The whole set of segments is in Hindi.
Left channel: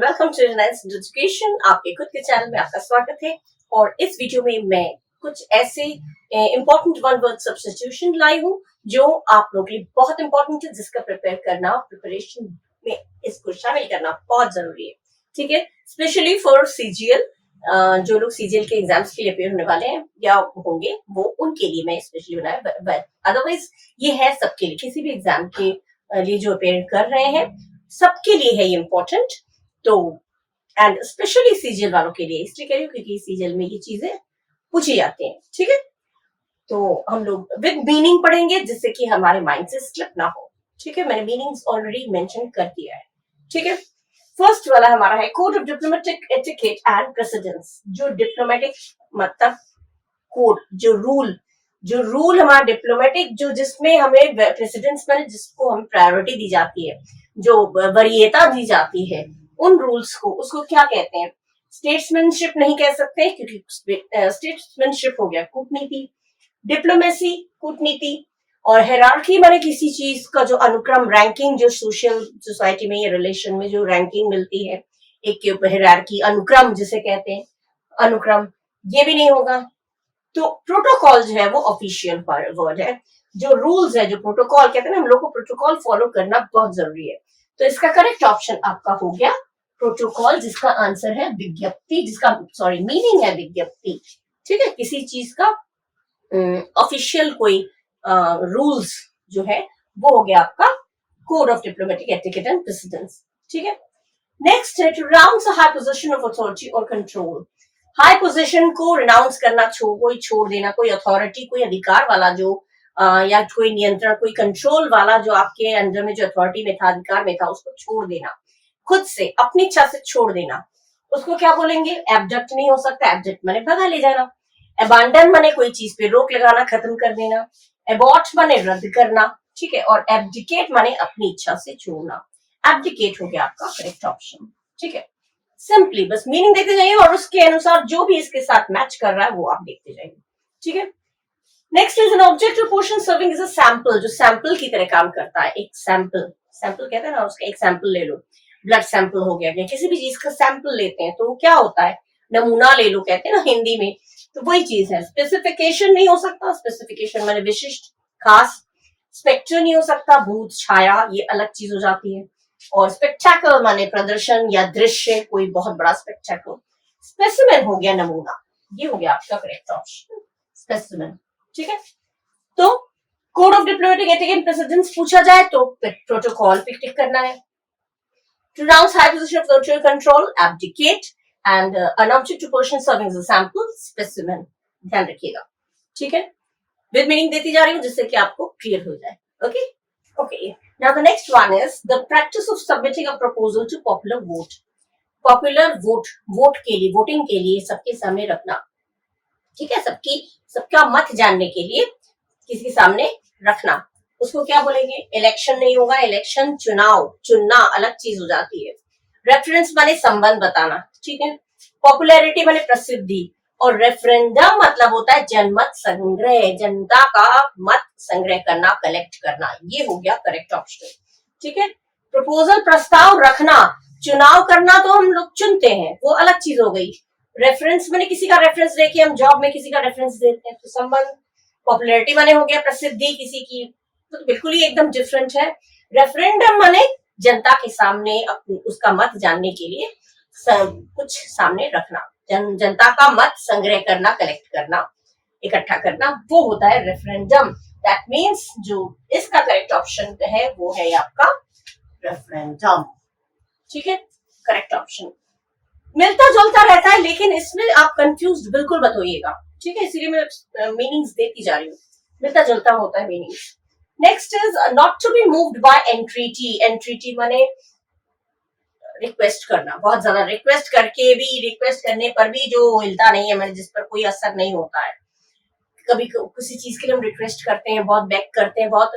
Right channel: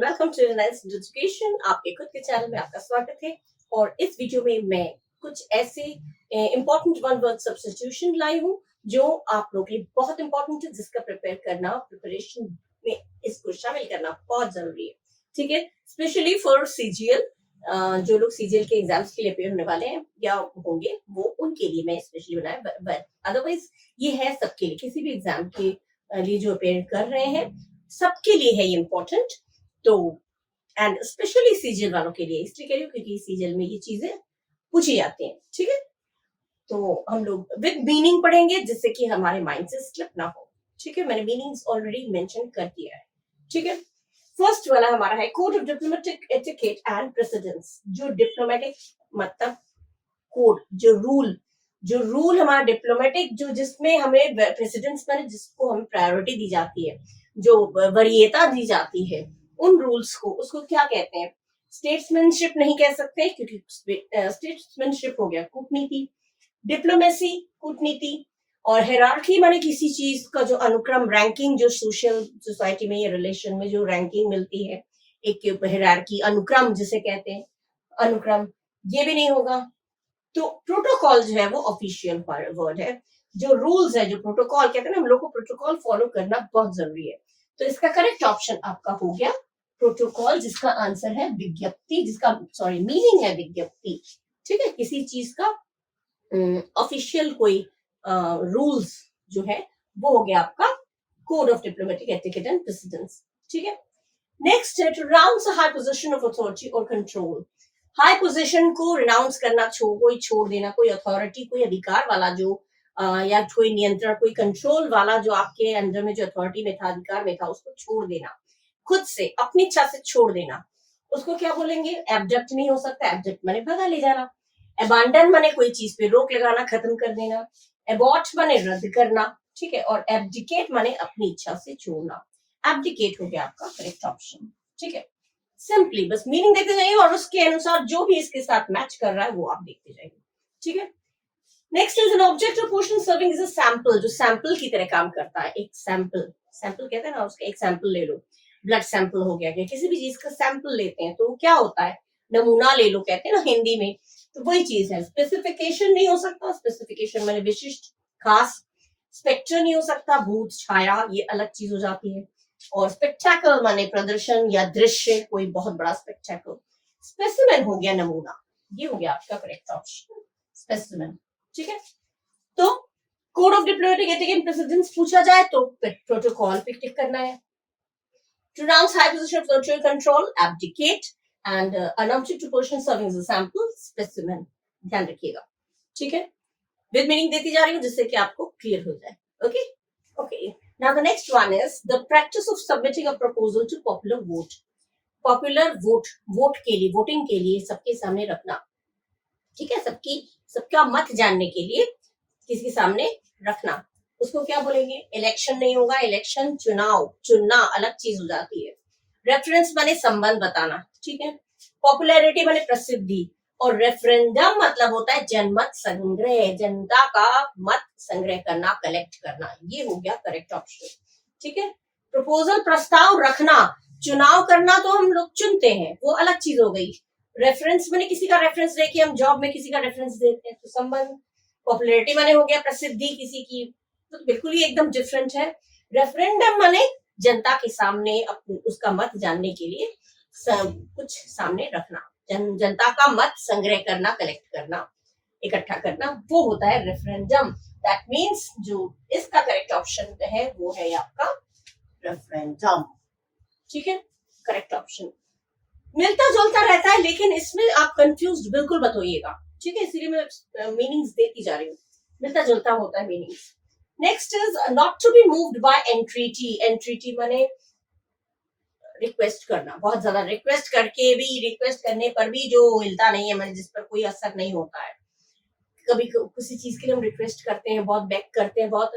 And welcome to Reliance Education. आपके खुद के चैनल में आपका स्वागत है। और इस वीडियो में मैं कुछ ऐसे इंपॉर्टेंट वन वर्ड सब्स्टिट्यूशन लाई हूँ जो आप लोगों के लिए बहुत इंपॉर्टेंट है, जिसका प्रिपरेशन में इसको शामिल करना बहुत जरूरी है। ठीक है, स्पेशली फॉर सीजीएल। जो लोग सीजीएल के एग्जाम्स के लिए अपेयर होने वाले हैं या होंगे, वो उनके लिए मैं स्पेशली बनाया, बट अदरवाइज ये है सबके लिए, किसी भी एग्जाम के लिए जो अपेयर कर रहे हैं सबके लिए है ये इम्पोर्टेंट। तो एंड स्पेशली सीजीएल वालों के लिए इसलिए कह रही हूँ क्योंकि सीजीएल में ये चीजें पूछी जाती हैं। ठीक है, तो हम लोग विद मीनिंग पढ़ेंगे जिससे कि हमारे माइंड से स्लिप ना हो। ठीक है, मैंने मीनिंग्स ऑलरेडी मेंशन कर दिया है। ठीक है, फर्स्ट वाला हमारा है code of diplomatic etiquette and precedence. जो डिप्लोमेटिक मतलब कोड, जो रूल हमारा डिप्लोमेटिक, जो जिसमें हमें प्रेसिडेंस में जिसको हम प्रायोरिटी दी जाती है, जो वरीयता दी जाती है, उन रूल्स को, उसको क्या कहते हैं? स्टेट्समैनशिप नहीं कह सकते क्योंकि स्टेट्समैनशिप हो गया कूटनीति, डिप्लोमेसी कूटनीति, और हेरार्की माने किसी चीज का जो अनुक्रम, रैंकिंग, जो सोशल सोसाइटी में या रिलेशन में जो रैंकिंग मिलती है, एक हेरार्की, अनुक्रम जिसे कहते हैं, अनुक्रम, ये भी नहीं होगा। तो प्रोटोकॉल जो है वो ऑफिशियल वर्ड है। जो रूल्स है, जो प्रोटोकॉल कहते हैं ना, हम लोग को प्रोटोकॉल फॉलो करना बहुत जरूरी है। तो इसका करेक्ट ऑप्शन आपका हो गया प्रोटोकॉल, जिसका आंसर है विज्ञप्ति, जिसका मीनिंग है विज्ञप्ति। ठीक है, किसी चीज का ऑफिशियल कोई रूल्स जो है वो हो गया आपका code of diplomatic etiquette and precedence. ठीक है, नेक्स्ट है to round a high position of authority और कंट्रोल। हाई पोजीशन को रिनाउंस करना, कोई छोड़ देना, कोई अथॉरिटी, कोई अधिकार वाला जो या कोई नियंत्रण, कोई कंट्रोल वाला जो आपके अंडर में जो अथॉरिटी में था, अधिकार में था, उसको छोड़ देना, खुद से अपनी इच्छा से छोड़ देना, उसको क्या बोलेंगे? एब्डक्ट नहीं हो सकता। एब्डक्ट माने भगा ले जाना, अबांडन माने कोई चीज पे रोक लगाना, खत्म कर देना, एबॉर्ट माने रद्द करना। ठीक है, और एब्डिकेट माने अपनी इच्छा से छोड़ना। एब्डिकेट हो गया आपका करेक्ट ऑप्शन। ठीक है, सिंपली बस मीनिंग देखते जाइए और उसके अनुसार जो भी इसके साथ मैच कर रहा है वो आप देखते जाइए। ठीक है, next is an object of portion serving is a sample, जो सैंपल की तरह काम करता है। एक सैंपल कहते हैं ना, उसका एक सैंपल ले लो, ब्लड सैंपल हो गया, किसी भी चीज का सैंपल लेते हैं तो वो क्या होता है? नमूना ले लो कहते हैं ना हिंदी में, तो वही चीज है। स्पेसिफिकेशन नहीं हो सकता, स्पेसिफिकेशन माने विशिष्ट, खास। स्पेक्टर नहीं हो सकता, भूत, छाया, ये अलग चीज हो जाती है। और स्पेक्टेकल माने प्रदर्शन या दृश्य, कोई बहुत बड़ा स्पेक्टेकल। स्पेसिमेन हो गया नमूना, ये हो गया आपका करेक्ट ऑप्शन, स्पेसिमेन। ठीक है, तो code of diplomatic etiquette and precedence पूछा जाए तो प्रोटोकॉल पे टिक करना है। To round high position of total control, abdicate, and an object to person serving as a sample, specimen, ध्यान रखिएगा। ठीक है, विद मीनिंग देती जा रही हूँ जिससे कि आपको क्लियर हो जाए। Okay okay, now the next one is the practice of submitting a proposal to popular vote. Popular vote के लिए, वोटिंग के लिए सबके सामने रखना। ठीक है, सबका मत जानने के लिए किसी के सामने रखना, उसको क्या बोलेंगे? इलेक्शन नहीं होगा, इलेक्शन चुनना अलग चीज हो जाती है। रेफरेंस माने संबंध बताना। ठीक है, पॉपुलैरिटी माने प्रसिद्धि, और रेफरेंडम मतलब होता है जनमत संग्रह, जनता का मत संग्रह करना, कलेक्ट करना। ये हो गया करेक्ट ऑप्शन। ठीक है, प्रपोजल प्रस्ताव रखना, चुनाव करना तो हम लोग चुनते हैं, वो अलग चीज हो गई। रेफरेंस माने किसी का रेफरेंस लेके हम जॉब में किसी का रेफरेंस देते हैं, तो संबंध। पॉपुलैरिटी माने हो गया प्रसिद्धि किसी की, तो बिल्कुल ही एकदम डिफरेंट है। रेफरेंडम माने जनता के सामने उसका मत जानने के लिए कुछ सामने रखना, जनता का मत संग्रह करना, कलेक्ट करना, इकट्ठा करना, वो होता है रेफरेंडम। दैट मीन्स जो इसका करेक्ट ऑप्शन है वो है आपका रेफरेंडम। ठीक है, करेक्ट ऑप्शन। मिलता जुलता रहता है लेकिन इसमें आप कंफ्यूज बिल्कुल मत होइएगा। ठीक है, इसीलिए मैं मीनिंग्स देती जा रही हूँ, मिलता जुलता होता है meanings. Next is not to be moved by entreaty. Entreaty माने रिक्वेस्ट करना, बहुत ज्यादा रिक्वेस्ट करके भी, रिक्वेस्ट करने पर भी जो हिलता नहीं है, मैंने जिस पर कोई असर नहीं होता है। कभी किसी चीज के लिए हम रिक्वेस्ट करते हैं, बहुत बैक करते हैं, बहुत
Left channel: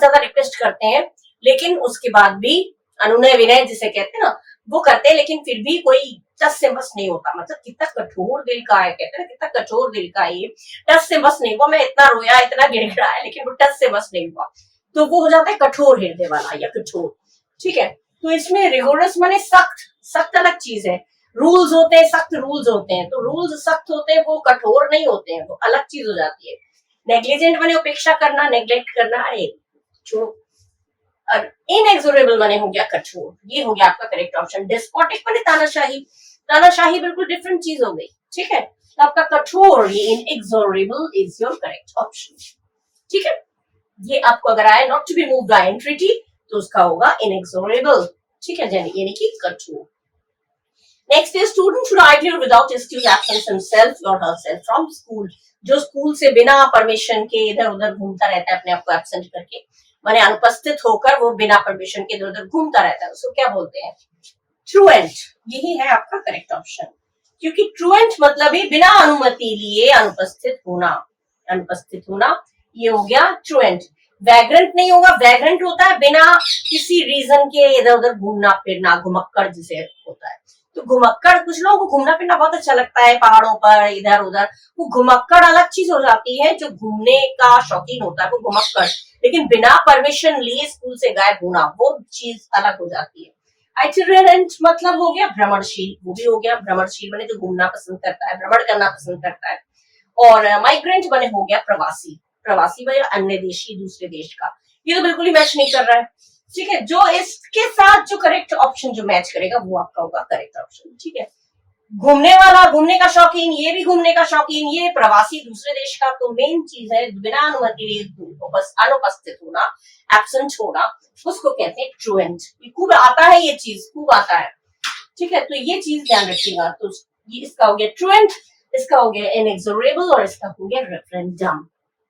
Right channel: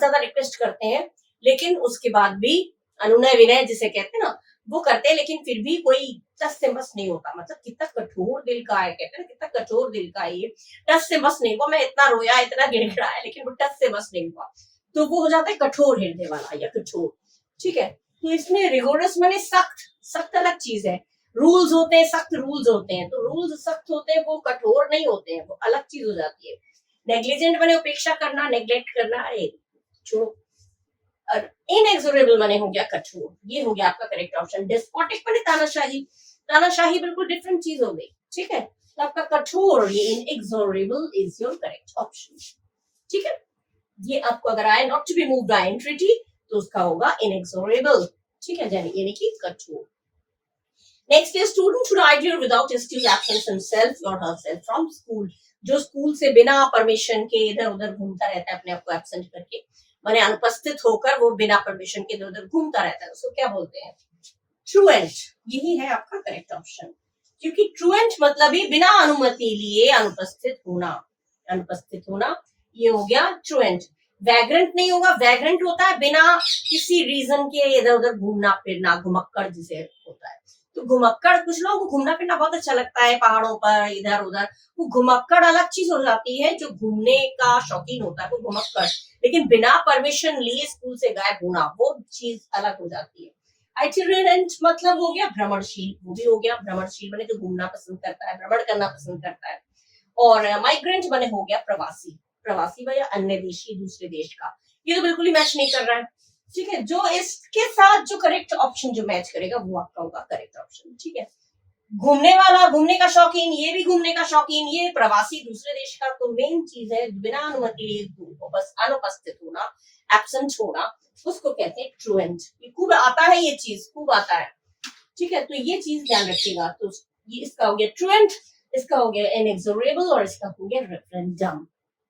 ज्यादा रिक्वेस्ट करते हैं, लेकिन उसके बाद भी अनुनय विनय जिसे कहते हैं ना, वो करते हैं, लेकिन फिर भी कोई टस से बस नहीं होता। मतलब कितना कठोर दिल का है, कहते हैं ना कितना कठोर दिल का है ये, टस से बस नहीं हुआ, मैं इतना रोया, इतना गिड़गिड़ाया, लेकिन वो टस से बस नहीं हुआ, तो वो हो जाता है कठोर हृदय वाला या कठोर। ठीक है, तो इसमें रिगोरस माने सख्त, सख्त अलग चीज है। रूल्स होते हैं, सख्त रूल्स होते हैं, तो रूल्स सख्त होते हैं, वो कठोर नहीं होते हैं, वो अलग चीज हो जाती है। नेग्लिजेंट माने उपेक्षा करना, नेग्लेक्ट करना, अरे छोड़ो। और इनएक्सोरेबल माने हो गया कठोर, ये हो गया आपका करेक्ट ऑप्शन। डिस्पोटिक माने तानाशाही, तानाशाही बिल्कुल डिफरेंट चीज हो गई, ठीक है। तो आपका कठोर, ये inexorable is your correct option, ठीक है। ये आपको अगर आए not to be moved by entity, तो उसका होगा इनएक्सोरेबल, ठीक है, यानी कि कठोर। Next is student should ideal without excuse absence himself और हरसेल्फ फ्रॉम स्कूल। जो स्कूल से बिना परमिशन के इधर उधर घूमता रहता है, अपने आप को एब्सेंट करके, माने अनुपस्थित होकर वो बिना परमिशन के इधर उधर घूमता रहता है, उसको क्या बोलते हैं? ट्रूएंट। यही है आपका करेक्ट ऑप्शन, क्योंकि ट्रूएंट मतलब ही बिना अनुमति लिए अनुपस्थित होना, अनुपस्थित होना, ये हो गया ट्रूएंट। वैग्रेंट नहीं होगा, वैग्रेंट होता है बिना किसी रीजन के इधर उधर घूमना फिरना, घुमक्कड़ जिसे होता है। तो घुमक्कड़, कुछ लोगों को घूमना फिरना बहुत अच्छा लगता है पहाड़ों पर इधर उधर, वो घुमक्कड़ अलग चीज हो जाती है। जो घूमने का शौकीन होता है वो घुमक्कड़, लेकिन बिना परमिशन लिए स्कूल से गायब होना, वो चीज अलग हो जाती है। आइटिनरेंट मतलब हो गया भ्रमणशील, वो भी हो गया भ्रमणशील बने जो घूमना पसंद करता है, भ्रमण करना पसंद करता है। और माइग्रेंट बने हो गया प्रवासी, प्रवासी बने अन्य देशी, दूसरे देश का। ये तो बिल्कुल ही मैच नहीं कर रहा है, ठीक है। जो इसके साथ जो करेक्ट ऑप्शन जो मैच करेगा वो आपका होगा करेक्ट ऑप्शन, ठीक है। घूमने वाला, घूमने का शौकीन, ये भी घूमने का शौकीन, ये प्रवासी दूसरे देश का। तो मेन चीज है बिना अनुमति बस अनुपस्थित होना, एब्सेंट होना, उसको कहते हैं ट्रूएंट। ये खूब आता है, ये चीज खूब आता है, ठीक है। तो ये चीज ध्यान रखिएगा। तो ये इसका हो गया ट्रूएंट, इसका हो गया इनएक्सोरेबल और इसका हो गया रेफरेंडम,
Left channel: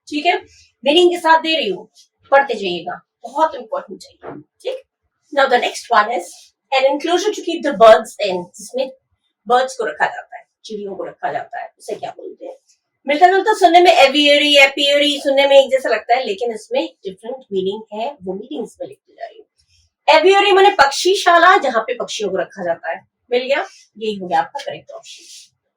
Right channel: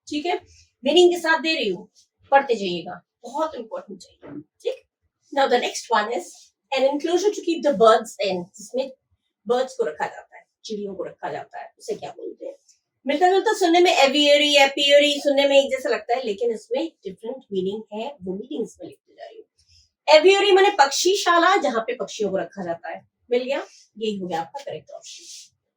ठीक है। मीनिंग के साथ दे रही हूँ, पढ़ते जाइएगा, बहुत इंपॉर्टेंट चाहिए, ठीक। Now the next one is an enclosure to keep the birds in, जिसमें बर्ड्स को रखा जाता है, चिड़ियों को रखा जाता है, उसे क्या बोलते हैं? मिलता जुलता सुनने में एवियरी, एपियरी सुनने में एक जैसा लगता है, लेकिन इसमें डिफरेंट मीनिंग है, वो मीनिंग इसमें लिखती जा रही है। एवियरी माने पक्षीशाला, जहाँ पे पक्षियों को रखा जाता है। मिल गया, यही हो गया आपका करेक्ट ऑप्शन।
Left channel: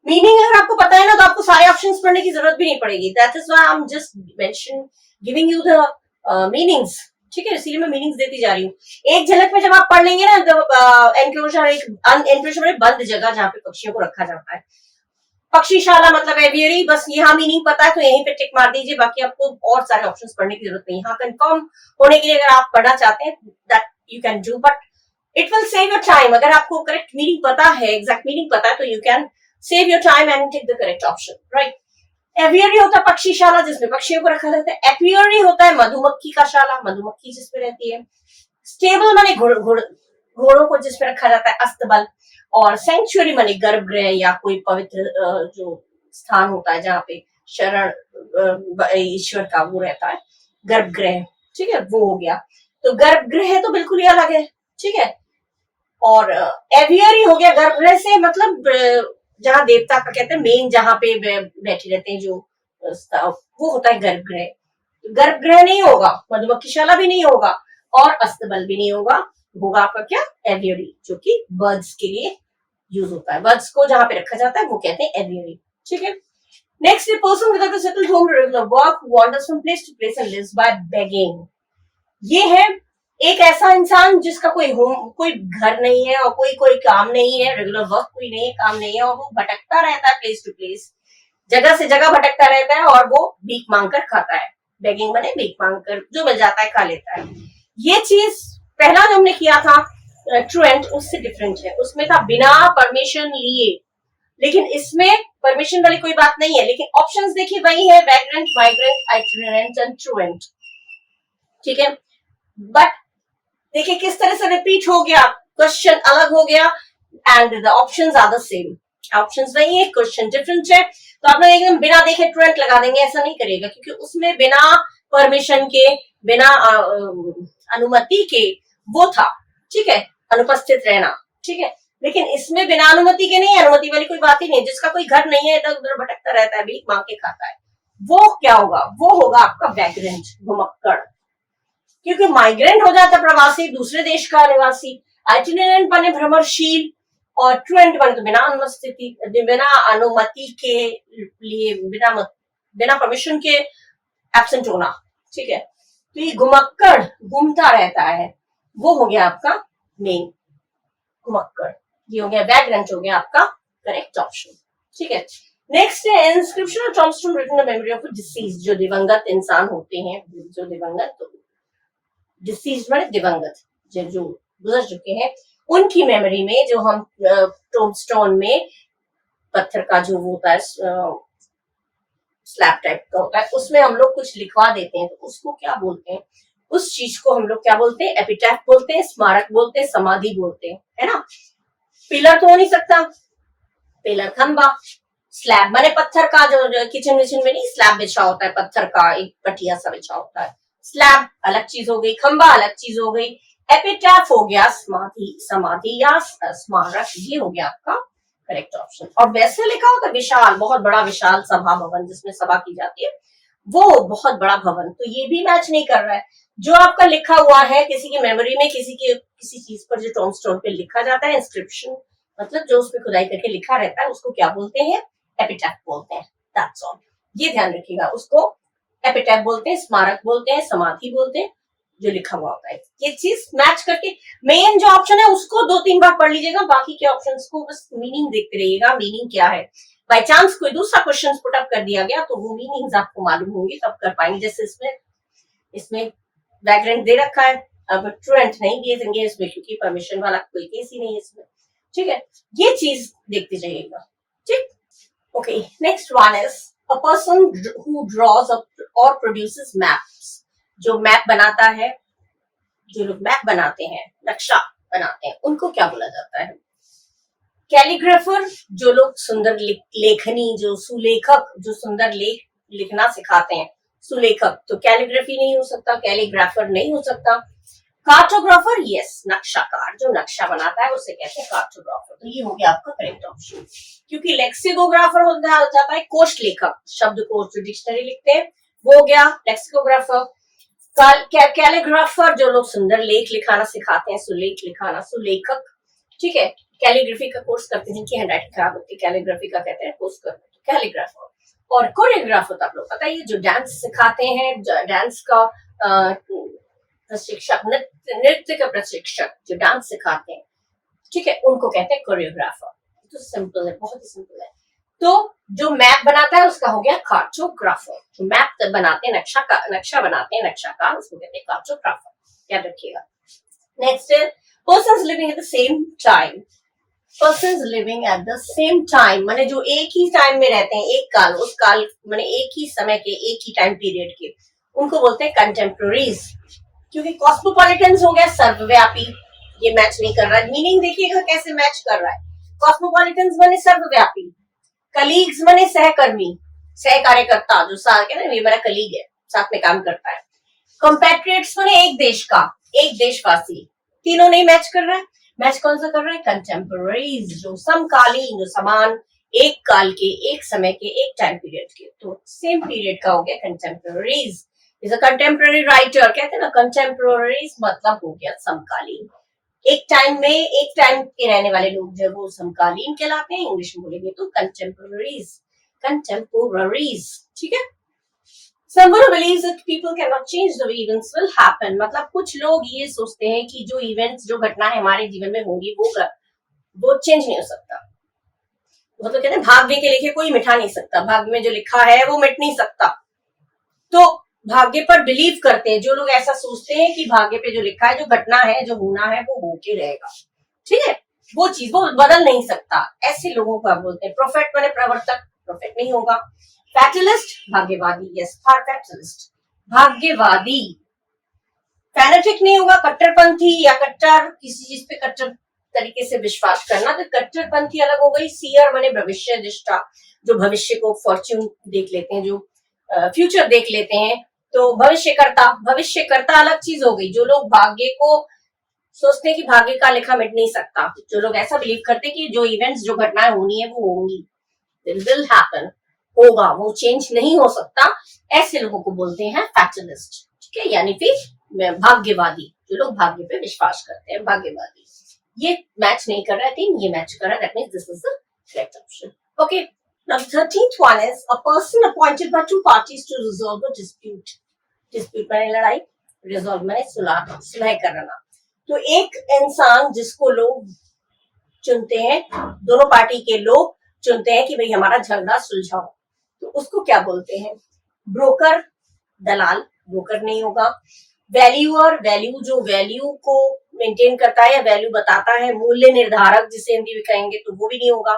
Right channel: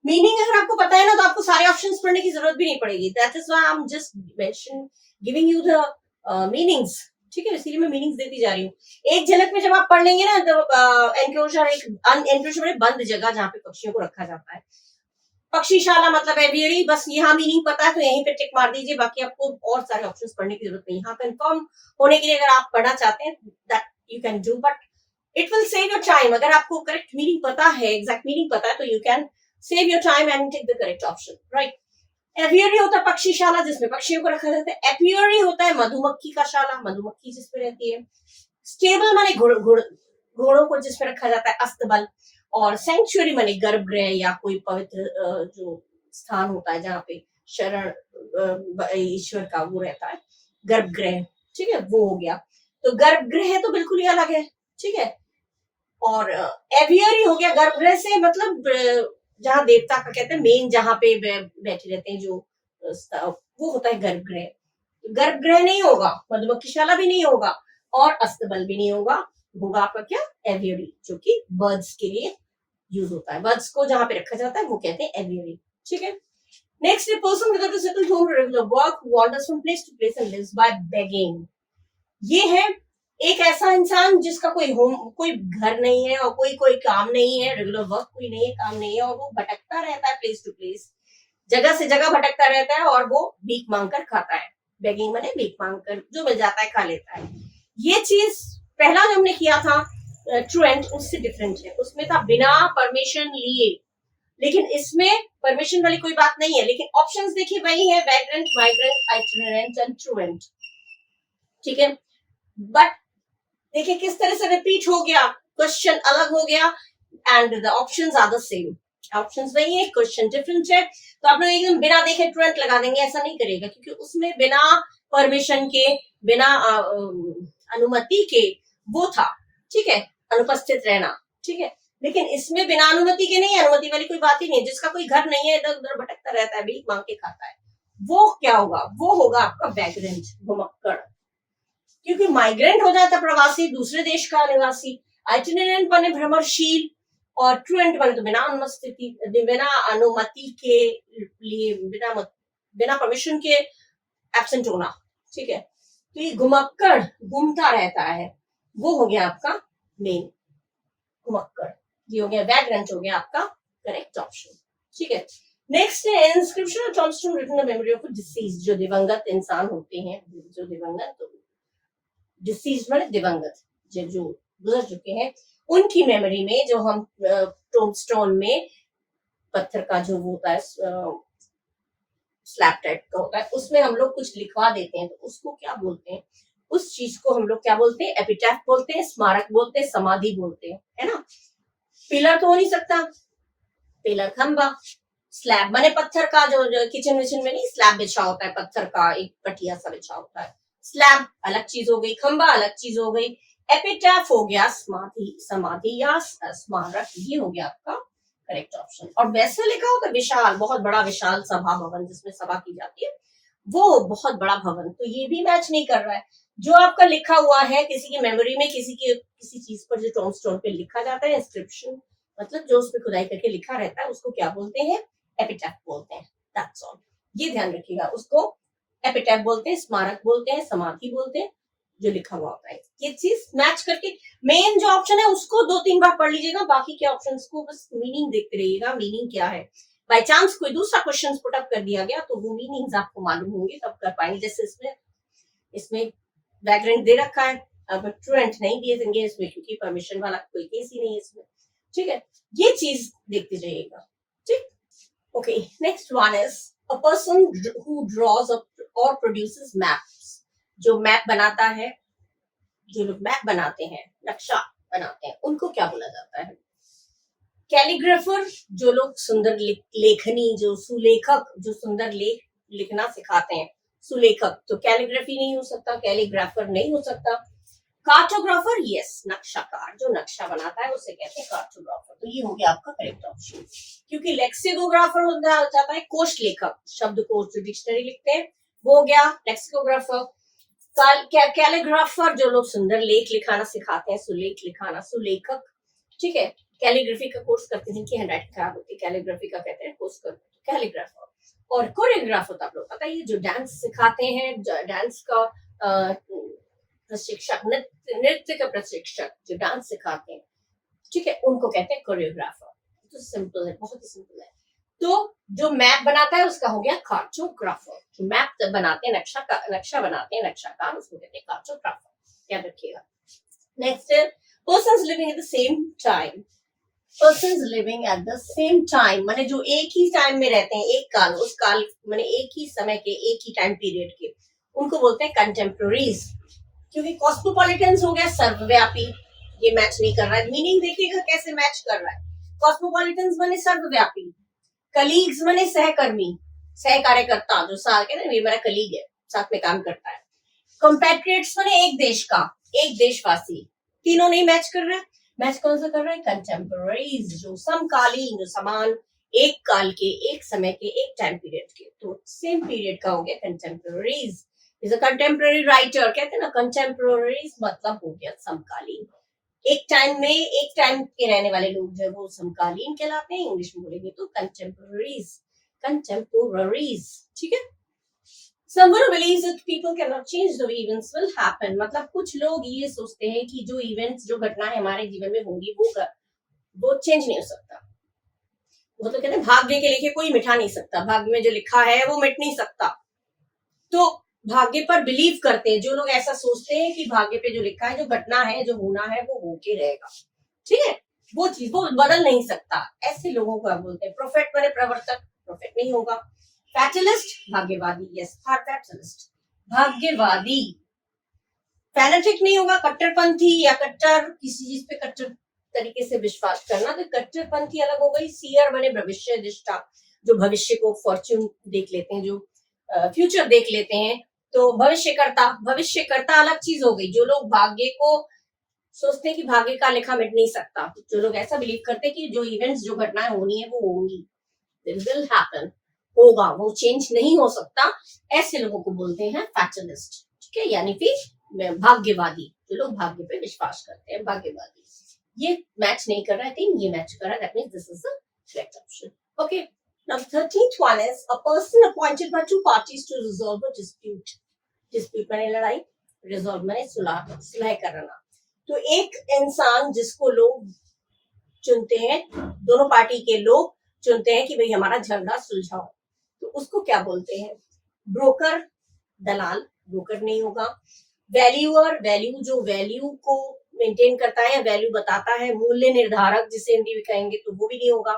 मीनिंग अगर आपको पता है ना, तो आपको सारे ऑप्शंस पढ़ने की जरूरत भी नहीं पड़ेगी। That is why I am just mention giving you the meanings, ठीक है। इसीलिए मैं मीनिंग्स देती जा रही हूँ। एक झलक में जब आप पढ़ लेंगे ना, तो एनक्लोजर, एक एनक्लोजर में बंद जगह जहाँ पे पक्षियों को रखा जाता है। पक्षीशाला मतलब एवियरी, बस यहाँ मीनिंग पता है तो यहीं पे टिक मार दीजिए, बाकी आपको और सारे ऑप्शंस पढ़ने की जरूरत नहीं। हाँ, कंफर्म होने के लिए अगर आप पढ़ना चाहते हैं that you can do, but it will save your time. अगर आपको करेक्ट मीनिंग पता है, एग्जैक्ट मीनिंग पता है, तो you can save your time and take the correct option, right. Aviary होता है पक्षीशाला, जिसमें पक्षियों को रखा जाता है। एपियरी होता है मधुमक्खी का शाला, मधुमक्खी जिसमें रहती है। स्टेबल माने घोड़ों को जिसमें रखा जाता है, अस्तबल। और सेंचुरी माने गर्भगृह या कोई पवित्र जो स्थान होता है जहाँ पे शरण ईश्वर का वो रहता है, गर्भगृह, ठीक है, वो हो गया। तो गर्भगृह तो बिल्कुल ही अलग है, ठीक है। और एवियरी हो गया गर्भगृह से मतलब जहाँ देवता का कहते हैं मेन, जहाँ पे बैठे रहते हैं जो वो होता है गर्भगृह। गर्भगृह नहीं होगा, मधुमक्खीशाला भी नहीं होगा, और अस्तबल भी नहीं होगा। होगा आपका क्या? एवियरी, जो कि बर्ड्स के लिए यूज होता है। बर्ड्स को जहां पे रखा जाता है वो कहते हैं एवियरी, ठीक है। Next, person without a settled home regular work wonders from place to place and lives by begging. ये है एक ऐसा इंसान जिसका कोई होम, कोई घर नहीं है और कोई काम नहीं है, रेगुलर वर्क कोई नहीं है, काम नहीं है, और वो भटकता रहता है प्लेस टू प्लेस, जगह से जगह भटकता रहता है, और वो भीख मांगकर खाता है। बेगिंग माने भीख मांगकर जो मिल जाता है खा लेता है। ये चीज पहला जो हमने किया था ट्रूएंट, उससे डिफरेंट है। उसमें था बिना परमिशन लिए, लेकिन इसमें परमिशन वाली कोई बात नहीं है। लेकिन ऑप्शंस देखिए वही है, वैग्रेंट, माइग्रेंट, आइटिनरेंट एंड ट्रूएंट, ठीक है। बट देखिए किस तरह से रिपीट हो गया, क्वेश्चन अलग हो गया and the options are the same. Options वही है, क्वेश्चन डिफरेंट है। तो आप लोग एकदम बिना देखे ट्रूएंट लगा देंगे, ऐसा नहीं करिएगा, क्योंकि उसमें बिना परमिशन के, बिना अनुमति के वो था, ठीक है, अनुपस्थित रहना, ठीक है। लेकिन इसमें बिना अनुमति के नहीं, अनुमति वाली कोई बात ही नहीं। जिसका कोई घर नहीं है, इधर उधर भटकता रहता है, भीख मांग के खाता है, वो क्या होगा? वो होगा आपका वैग्रेंट, घुमक्कड़। क्योंकि माइग्रेंट हो जाता है प्रवासी, दूसरे देश का निवासी। आइटिनरेंट बने भ्रमणशील, और ट्रूएंट बने तो बिना अनुमति, बिना अनुमति के लिए, बिना परमिशन के एब्सेंट होना, ठीक है। तो ये घुमक्कड़, घूमता रहता है, वो हो गया आपका मेन घुमक्कड़, ये हो गया वैग्रेंट, हो गया आपका करेक्ट ऑप्शन। ठीक है, नेक्स्ट है इंस्क्रिप्शन और tombstone written in memory of deceased, जो दिवंगत इंसान होते हैं, जो दिवंगत, डिसीज माने दिवंगत, जो गुजर चुके हैं, उनकी मेमोरी में जो हम टॉम्बस्टोन में पत्थर का जो होता है स्लैब टाइप का होता है, उसमें हम लोग कुछ लिखवा देते हैं, तो उसको क्या बोलते हैं, उस चीज को हम लोग क्या बोलते हैं, एपिटैफ बोलते हैं, स्मारक बोलते हैं, समाधि बोलते हैं, है ना। पिलर तो हो नहीं सकता, पिलर खंबा, स्लैब माने पत्थर का, जो किचन विचन में नहीं स्लैब बिछा होता है, पत्थर का एक पटिया सा बिछा होता है, स्लैब अलग चीज हो गई, खंबा अलग चीज हो गई, एपिटैफ हो गया समाधि, समाधि या स्मारक, ये हो गया आपका करेक्ट ऑप्शन। और वैसे लिखा होता है विशाल, बहुत बड़ा विशाल सभा भवन, जिसमें सभा की जाती है, वो बहुत बड़ा भवन, तो ये भी मैच नहीं कर रहा है। जो आपका लिखा हुआ है किसी की मेमोरी में, किसी चीज पर जो टॉम्बस्टोन पे लिखा जाता है, इंस्क्रिप्शन मतलब जो उसमें खुदाई करके लिखा रहता है, उसको क्या बोलते हैं, एपिटैफ बोलते हैं, दैट्स ऑल। ये ध्यान रखिएगा, उसको एपिटैफ बोलते हैं, स्मारक बोलते हैं, समाधि बोलते हैं, जो लिखा हुआ होता है। ये चीज मैच करके मेन जो ऑप्शन है उसको 2-3 बार पढ़ लीजिएगा, बाकी के ऑप्शंस को बस मीनिंग देखते रहिएगा, मीनिंग क्या है। बाय चांस कोई दूसरा क्वेश्चन पुट अप कर दिया गया तो वो मीनिंग्स आपको मालूम होंगे, तब कर पाएंगे। जैसे इसमें बैकग्राउंड दे रखा है, अब ट्रूएंट नहीं दिए देंगे इसमें, क्योंकि परमिशन वाला कोई केस ही नहीं है इसमें। ठीक है, ये चीज देखते जाइएगा। ठीक, okay, next one is a person who draws और प्रोड्यूसेस मैप्स, जो मैप बनाता है, जो लोग मैप बनाते हैं, नक्शा बनाते हैं, उनको क्या बोला जाता है, कैलीग्राफर, जो लोग सुंदर लेखनी, जो सुलेखक, जो सुंदर लिखना सिखाते हैं, सुलेखक, तो कैलीग्राफी नहीं हो सकता, कैलीग्राफर नहीं हो सकता। कार्टोग्राफर, यस, नक्शाकार, जो नक्शा बनाता है उसे कहते हैं कार्टोग्राफर, तो ये हो गया आपका करेक्ट ऑप्शन। क्योंकि लेक्सिकोग्राफर हो जाता है कोश लेखक, शब्द कोश जो डिक्शनरी लिखते हैं, वो हो गया लेक्सिकोग्राफर। कैलीग्राफर, जो लोग सुंदर लेख लिखाना सिखाते हैं, सुलेख लिखाना, सुलेखक। ठीक है, कैलीग्राफी का कोर्स करते हैं, जिनकी हैंडराइटिंग खराब होती है, कैलीग्राफी का कहते हैं कोर्स करते हैं, कैलीग्राफर। और कोरियोग्राफर तो आप लोग पता है, जो डांस सिखाते हैं, डांस का प्रशिक्षक, नृत्य का प्रशिक्षक, जो डांस सिखाते हैं, ठीक है, उनको कहते हैं कोरियोग्राफर। तो सिंपल है, बहुत ही सिंपल है। तो जो मैप बनाता है उसका हो गया कार्टोग्राफर, जो मैप बनाते हैं, नक्शा बनाते हैं, नक्शाकार, उसको कहते हैं कार्टोग्राफर, याद रखिएगा। नेक्स्ट है persons living at the same time, persons living at the same time माने जो एक ही टाइम में रहते हैं, एक काल, उस काल माने एक ही समय के, एक ही टाइम पीरियड के, उनको बोलते हैं कंटेम्पोररीज। क्योंकि कॉस्मोपॉलिटन्स हो गया सर्वव्यापी, ये मैच नहीं कर रहा है, मीनिंग देखिएगा कैसे मैच कर रहा है। कॉस्मोपॉलिटन्स माने सर्वव्यापी, कलीग्स माने सहकर्मी, सहकार्यकर्ता, जो कहते हैं ये मेरा कलीग है, साथ में काम करता है। कंपैट्रियट्स माने एक देश का, एक देशवासी, तीनों नहीं मैच कर रहा है। मैच कौन सा कर रहा है, कंटेम्पोररीज, जो समकालीन, जो समान, एक काल के, एक समय के, एक टाइम पीरियड के, तो सेम पीरियड का हो गया कंटेम्पोररीज। इज अ कंटेम्पोररी राइटर, कहते हैं ना, कंटेम्पोररीज मतलब हो गया समकालीन, एक टाइम में, एक टाइम के रहने वाले लोग जो है वो समकालीन कहलाते हैं, इंग्लिश में बोलेंगे तो कंटेम्पोररीज, कंटेम्पोररीज। ठीक है, someone who believes that people cannot change the events will happen, मतलब कुछ लोग ये सोचते हैं कि जो इवेंट्स, जो घटना है हमारे जीवन में होंगी, वो चेंज नहीं हो सकता। वो तो कहते हैं भाग्य के लिखे कोई मिटा नहीं सकता, भाग्य में जो लिखा है वो मिट नहीं सकता। तो भाग्य पर बिलीव करते हैं जो लोग, ऐसा सोचते हैं कि भाग्य पे जो लिखा है, जो घटना है, जो होना है, वो होके रहेगा। ठीक है, वो चीज वो बदल नहीं सकता, ऐसे लोगों को आप बोलते हैं प्रोफेट माने प्रवर्तक, प्रोफेट नहीं होगा। फैटलिस्ट, भाग्यवादी, यस, फैटलिस्ट, भाग्यवादी। फैनेटिक नहीं होगा, कट्टरपंथी या कट्टर, किसी चीज पे कट्टर तरीके से विश्वास करना, तो कट्टरपंथी अलग हो गई। सीयर माने भविष्य दृष्टा, जो भविष्य को फॉर्च्यून देख लेते हैं, जो फ्यूचर देख लेते हैं, तो भविष्यकर्ता अलग चीज हो गई। जो लोग भाग्य को सोचते हैं कि भाग्य का लिखा मिट नहीं सकता, जो लोग ऐसा बिलीव करते हैं कि जो इवेंट्स, जो घटनाएं होनी है वो होंगी, विल हैपन, होगा, वो चेंज नहीं हो सकता, ऐसे लोगों को बोलते हैं फैटलिस्ट। ठीक है, यानी फिर भाग्यवादी, जो लोग भाग्य पे विश्वास करते हैं, भाग्यवादी। ये मैच नहीं कर रहा है, ये मैच कर रहा है, that means this is the correct option. Okay, now the 13th one is a person appointed by two parties to resolve a dispute, dispute माने लड़ाई, resolve माने सुलह करना। तो एक इंसान जिसको लोग चुनते हैं, दोनों पार्टी के लोग चुनते हैं कि भाई हमारा झगड़ा सुलझाओ, तो उसको क्या बोलते हैं? ब्रोकर, दलाल। ब्रोकर नहीं होगा। वैल्यूअर, वैल्यू जो वैल्यू को मेंटेन करता है या वैल्यू बताता है, मूल्य निर्धारक जिसे हिंदी में कहेंगे, तो वो भी नहीं होगा।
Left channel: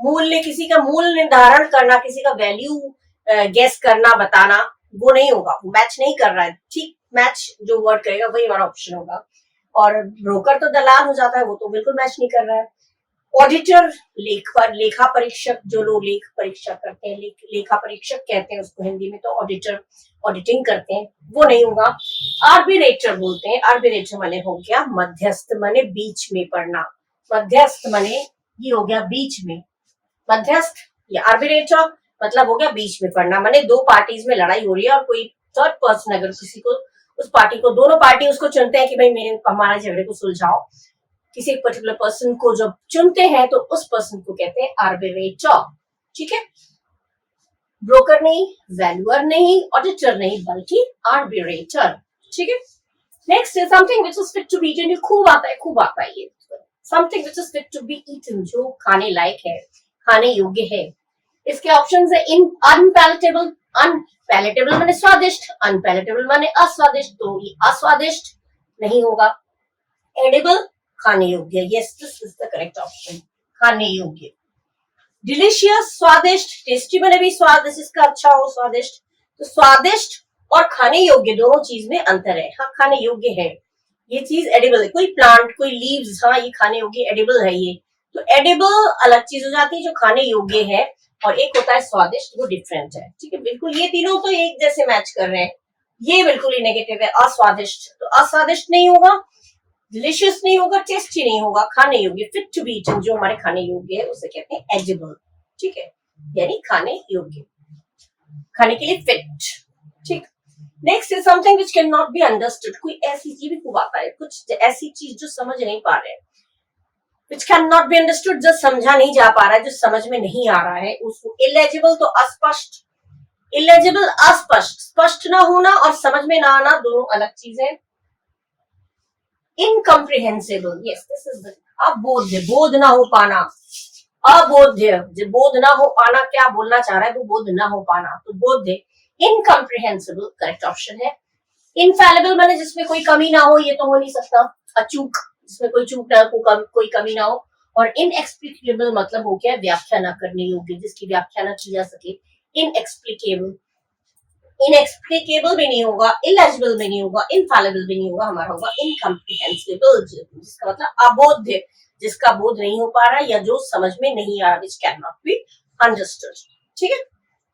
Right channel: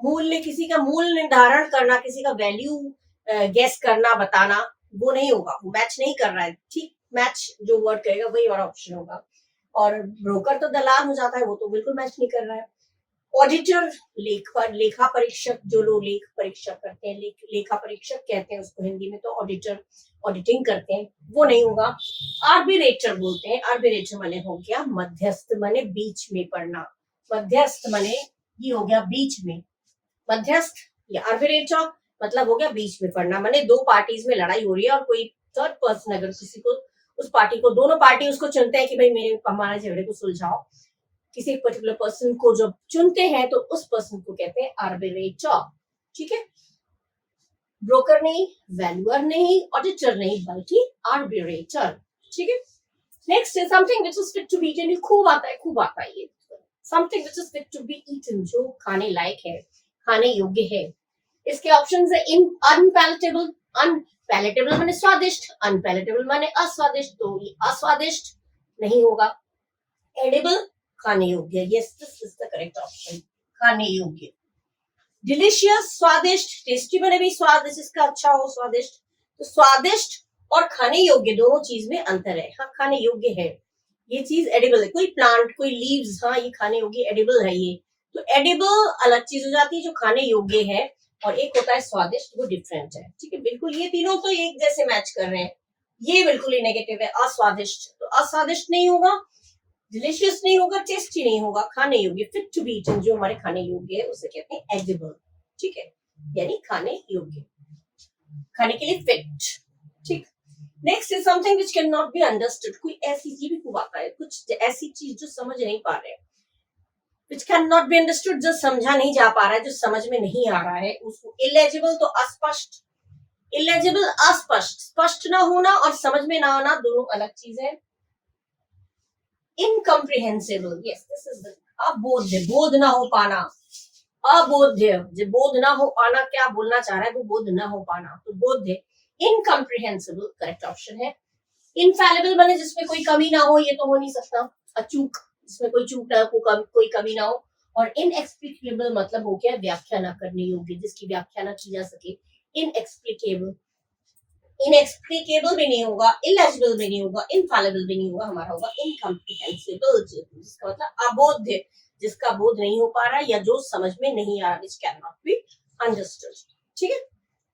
मूल्य, किसी का मूल्य निर्धारण करना, किसी का वैल्यू गेस करना, बताना, वो नहीं होगा, वो मैच नहीं कर रहा है। ठीक, मैच जो वर्ड करेगा वही हमारा ऑप्शन होगा। और ब्रोकर तो दलाल हो जाता है, वो तो बिल्कुल मैच नहीं कर रहा है। ऑडिटर, लेखा परीक्षक, जो लोग लेख परीक्षा करते हैं, लेखा परीक्षक कहते हैं उसको हिंदी में, तो ऑडिटर ऑडिटिंग करते हैं, वो नहीं होगा। आर्बिट्रेटर बोलते हैं। आर्बिट्रेटर माने हो गया मध्यस्थ, माने बीच में पड़ना। मध्यस्थ माने ये हो गया बीच में, मध्यस्थ या आर्बिट्रेटर मतलब हो गया बीच में पड़ना, माने दो पार्टीज में लड़ाई हो रही है और कोई थर्ड पर्सन अगर किसी को, उस पार्टी को, दोनों पार्टी उसको चुनते हैं कि भाई मेरे हमारे झगड़े को सुलझाओ, किसी पर्टिकुलर पर्सन को जब चुनते हैं तो उस पर्सन को कहते हैं आर्बिट्रेटर। ठीक है, ब्रोकर नहीं, वैल्यूअर नहीं, ऑडिटर नहीं, बल्कि आर्बिट्रेटर। ठीक है, next is something which is fit to be eaten. ये खूब आता है ये। Something which is fit to be eaten, जो खाने लायक है, खाने योग्य है। इसके ऑप्शंस है इन अनपैलेटेबल, अनपैलेटेबल माने स्वादिष्ट, अनपैलेटेबल माने अस्वादिष्ट, तो ये अस्वादिष्ट नहीं होगा। एडिबल, खाने योग्य, yes this is the correct option, खाने योग्य। डिलीशियस, स्वादिष्ट, टेस्टी माने भी स्वाद जिसका अच्छा हो, स्वादिष्ट। तो स्वादिष्ट और खाने योग्य दोनों चीज में अंतर है। हाँ, खाने योग्य है, ये चीज एडिबल है। कोई प्लांट, कोई लीव्स, हाँ ये खाने योग्य, एडिबल है ये। तो एडिबल अलग चीज हो जाती है जो खाने योग्य है, और एक होता है स्वादिष्ट, वो डिफरेंट है। ठीक है, बिल्कुल ये तीनों तो एक जैसे मैच कर रहे हैं। ये बिल्कुल ही नेगेटिव है, अस्वादिष्ट, तो अस्वादिष्ट नहीं होगा, डिलीशियस नहीं होगा, टेस्टी नहीं होगा, खाने योग्य, फिट टू बी ईटन, जो हमारे खाने योग्य है उसे कहते हैं एडिबल। ठीक है, यानी खाने योग्य, खाने के लिए फिट। ठीक, next is something which can not be understood. कोई ऐसी चीज भी खूब आता है, कुछ ऐसी चीज जो समझ नहीं पा रहे हैं, which cannot be understood, जो समझा नहीं जा पा रहा है, जो समझ में नहीं आ रहा है, उसको illegible, तो अस्पष्ट, illegible अस्पष्ट, स्पष्ट ना होना और समझ में ना आना दोनों अलग चीजें। इनकम्प्रिहेंसिबल, यस दिस इज द अबोध्य, बोध ना हो पाना, अबोध्य, जो बोध ना हो पाना क्या बोलना चाह रहा है, वो बोध ना हो पाना, तो बोध्य। इनकम्प्रिहेंसिबल करेक्ट ऑप्शन है। इनफैलिबल माने जिसमें कोई कमी ना हो, ये तो हो नहीं सकता। अचूक, जिसमें कोई चूक ना हो, कोई कमी ना हो। और इनएक्सप्लिकेबल मतलब हो गया व्याख्या ना करने योग्य, जिसकी व्याख्या ना की जा सके, इनएक्सप्लिकेबल। इनएक्सप्लिकेबल भी नहीं होगा, इलेजिबल भी नहीं होगा, इनफैलिबल भी नहीं होगा, हमारा होगा इनकम्प्रिहेंसिबल, जिसका मतलब अबोध्य, जिसका बोध नहीं हो पा रहा या जो समझ में नहीं आ रहा, which can not be understood. ठीक है,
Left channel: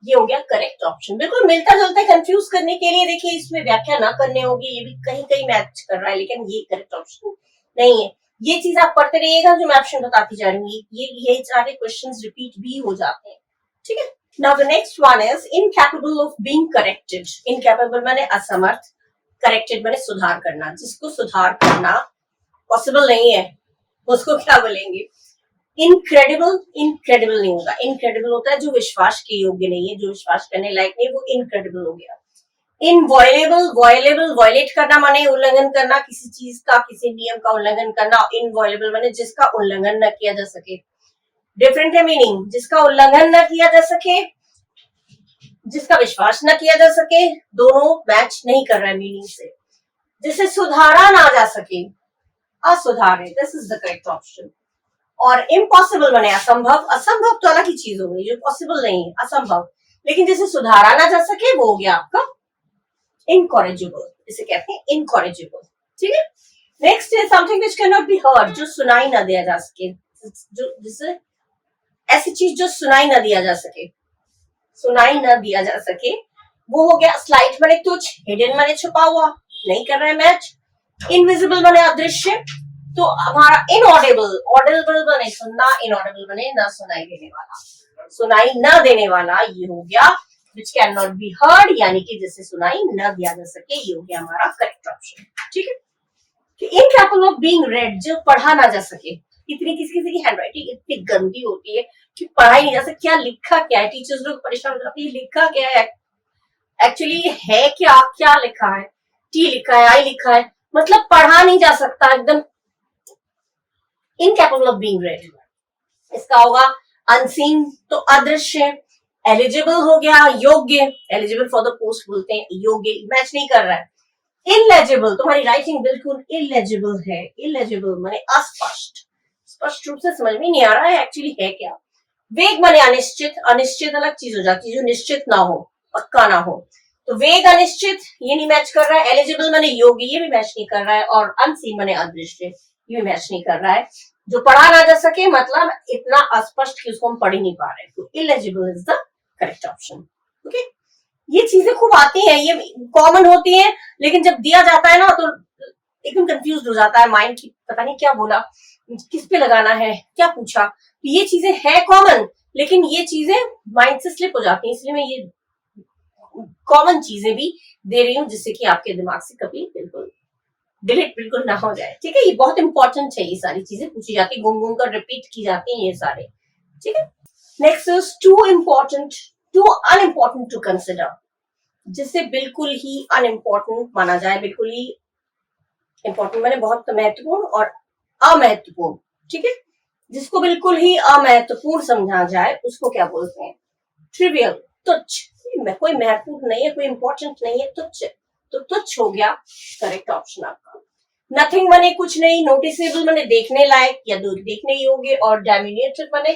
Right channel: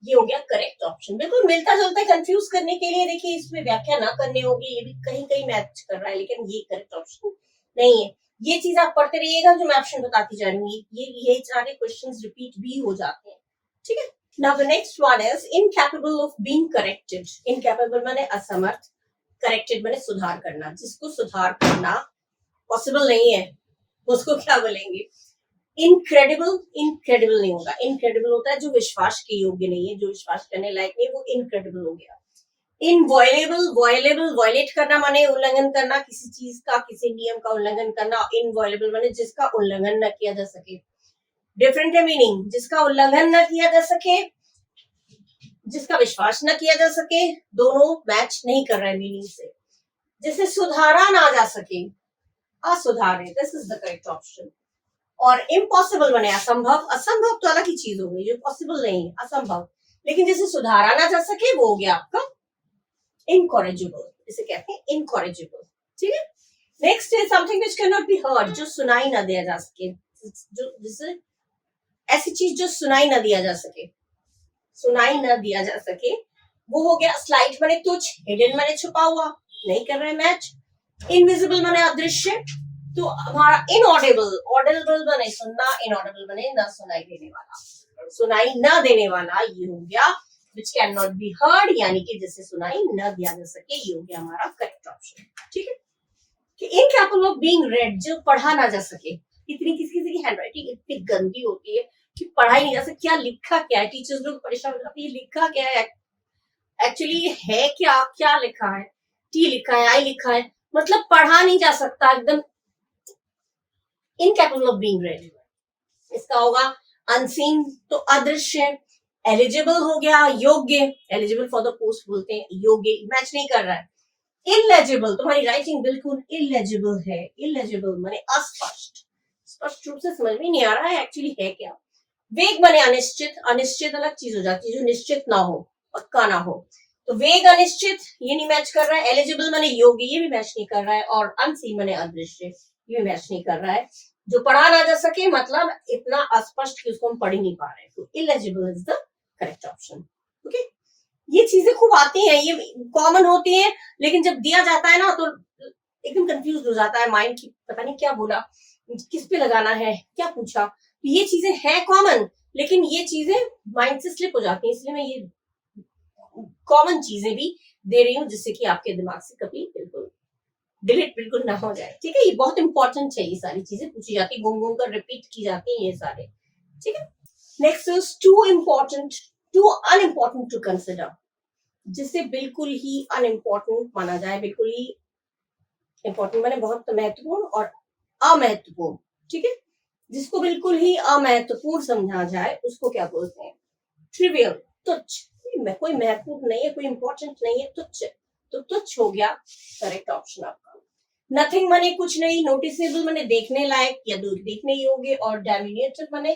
ये हो गया करेक्ट ऑप्शन। बिल्कुल मिलता जुलता है, कंफ्यूज करने के लिए देखिए इसमें व्याख्या ना करने होगी, ये भी कहीं कहीं मैच कर रहा है, लेकिन ये करेक्ट ऑप्शन नहीं है। ये चीज आप पढ़ते रहिएगा, जो मैं ऑप्शन बताती जा रही हूँ, ये सारे क्वेश्चंस रिपीट भी हो जाते हैं। ठीक है, now the next one is incapable of being corrected. Incapable माने असमर्थ, करेक्टेड माने सुधार करना, जिसको सुधार करना पॉसिबल नहीं है उसको क्या बोलेंगे? इनक्रेडिबल, इनक्रेडिबल नहीं होगा। इनक्रेडिबल होता है जो विश्वास के योग्य नहीं है, जो विश्वास करने लायक नहीं, वो इनक्रेडिबल हो गया। इनवॉयलेबल, वॉयलेबल, वॉयलेट करना माने उल्लंघन करना, किसी चीज का, किसी नियम का उल्लंघन करना। इनवॉयलेबल माने जिसका उल्लंघन न किया जा सके, डिफरेंट है मीनिंग। जिसका उल्लंघन न किया जा सके, जिसका विश्वास न किया जा सके, दोनों मैच नहीं कर रहा है मीनिंग से। जिसे सुधारा ना जा सके, असुधार है, this is the correct option. और इम्पॉसिबल माने असंभव, असंभव तो अलग ही चीज हो गई, जो पॉसिबल नहीं है, असंभव। लेकिन जिसे सुधारा ना जा सके वो हो गया आपका इनकॉरेजिबल, इसे कहते हैं इनकॉरेजिबल। ठीक है, next is something which can not be heard, जो सुनाई ना दिया जा सके, जो जिसे ऐसी चीज जो सुनाई ना दिया जा सके, सुनाई ना दिया जा सके, वो हो गया स्लाइट माने तुच्छ, हिडन माने छुपा हुआ, नहीं कर रहे मैच। इनविजिबल माने अदृश्य, तो हमारा इनऑडिबल, ऑडिबल बने सुनना, इनऑडिबल बने ना सुनाई देने वाला, सुनाई न देने वाला, ये हो गया which cannot be heard, यानी कि जिसे सुनाई न दिया जा सके, ये हो गया हमारा करेक्ट ऑप्शन। ठीक है, कि इनकैपेबल ऑफ बीइंग रेड, जो पढ़ा ना जा सके। इतनी किसी किसी की हैंडराइटिंग इतनी गंदी होती है कि पढ़ा ही नहीं जा सकता, क्या लिखा क्या है, टीचर्स लोग परेशान हो जाते हैं, लिखा क्या है एक्चुअली, है क्या, क्या लिखा है, टी लिखा है, आई लिखा है, मतलब पढ़ा नहीं जा सकता, एकदम इनकेपेबल ऑफ बीइंग रेड। इसका होगा अनसीन, तो अदृश्य। एलिजिबल हो गया योग्य, एलिजिबल फॉर द पोस्ट बोलते हैं, योग्य मैच नहीं कर रहा है। इलेजिबल, तुम्हारी राइटिंग बिल्कुल इलेजिबल है, इलेजिबल माने अस्पष्ट, स्पष्ट रूप से समझ में नहीं आ रहा है एक्चुअली है क्या। वेग माने अनिश्चित, अनिश्चित अलग चीज हो जाती है जो निश्चित ना हो, पक्का ना हो, तो वेग अनिश्चित ये नहीं मैच कर रहा है। एलिजिबल माने योग्य, ये भी मैच नहीं कर रहा है, और अनसीन माने अदृश्य, ये भी मैच नहीं कर रहा है। जो पढ़ा ना जा सके मतलब इतना अस्पष्ट कि उसको हम पढ़ ही नहीं पा रहे, तो illegible is the correct option. Okay, ये चीजें खूब आती हैं, ये कॉमन होती हैं, लेकिन जब दिया जाता है ना तो एकदम कंफ्यूज हो जाता है माइंड की, पता नहीं क्या बोला, किस पे लगाना है, क्या पूछा। तो ये चीजें है कॉमन, लेकिन ये चीजें माइंड से स्लिप हो जाती हैं, इसलिए मैं ये कॉमन चीजें भी दे रही हूँ जिससे कि आपके दिमाग से कभी बिल्कुल डिलीट बिल्कुल ना हो जाए। ठीक है, ये बहुत इंपॉर्टेंट है, ये सारी चीजें पूछी जाती है, घूम घूम कर रिपीट की जाती हैं ये सारे। ठीक है, next is to important to unimportant to consider, जिसे बिल्कुल ही अनइम्पोर्टेंट माना जाए, बिल्कुल ही इंपॉर्टेंट माने बहुत महत्वपूर्ण और अमहत्वपूर्ण। ठीक है, जिसको बिल्कुल ही अमहत्वपूर्ण समझा जाए उसको क्या बोलते हैं, ट्रिवियल, तुच्छ। कोई महत्वपूर्ण नहीं है, कोई इंपॉर्टेंट नहीं है, तुच्छ, तो तुच्छ हो गया करेक्ट ऑप्शन आपका। नथिंग माने कुछ नहीं, नोटिसेबल माने देखने लायक या देखने योग्य, और डैमिनेटेड माने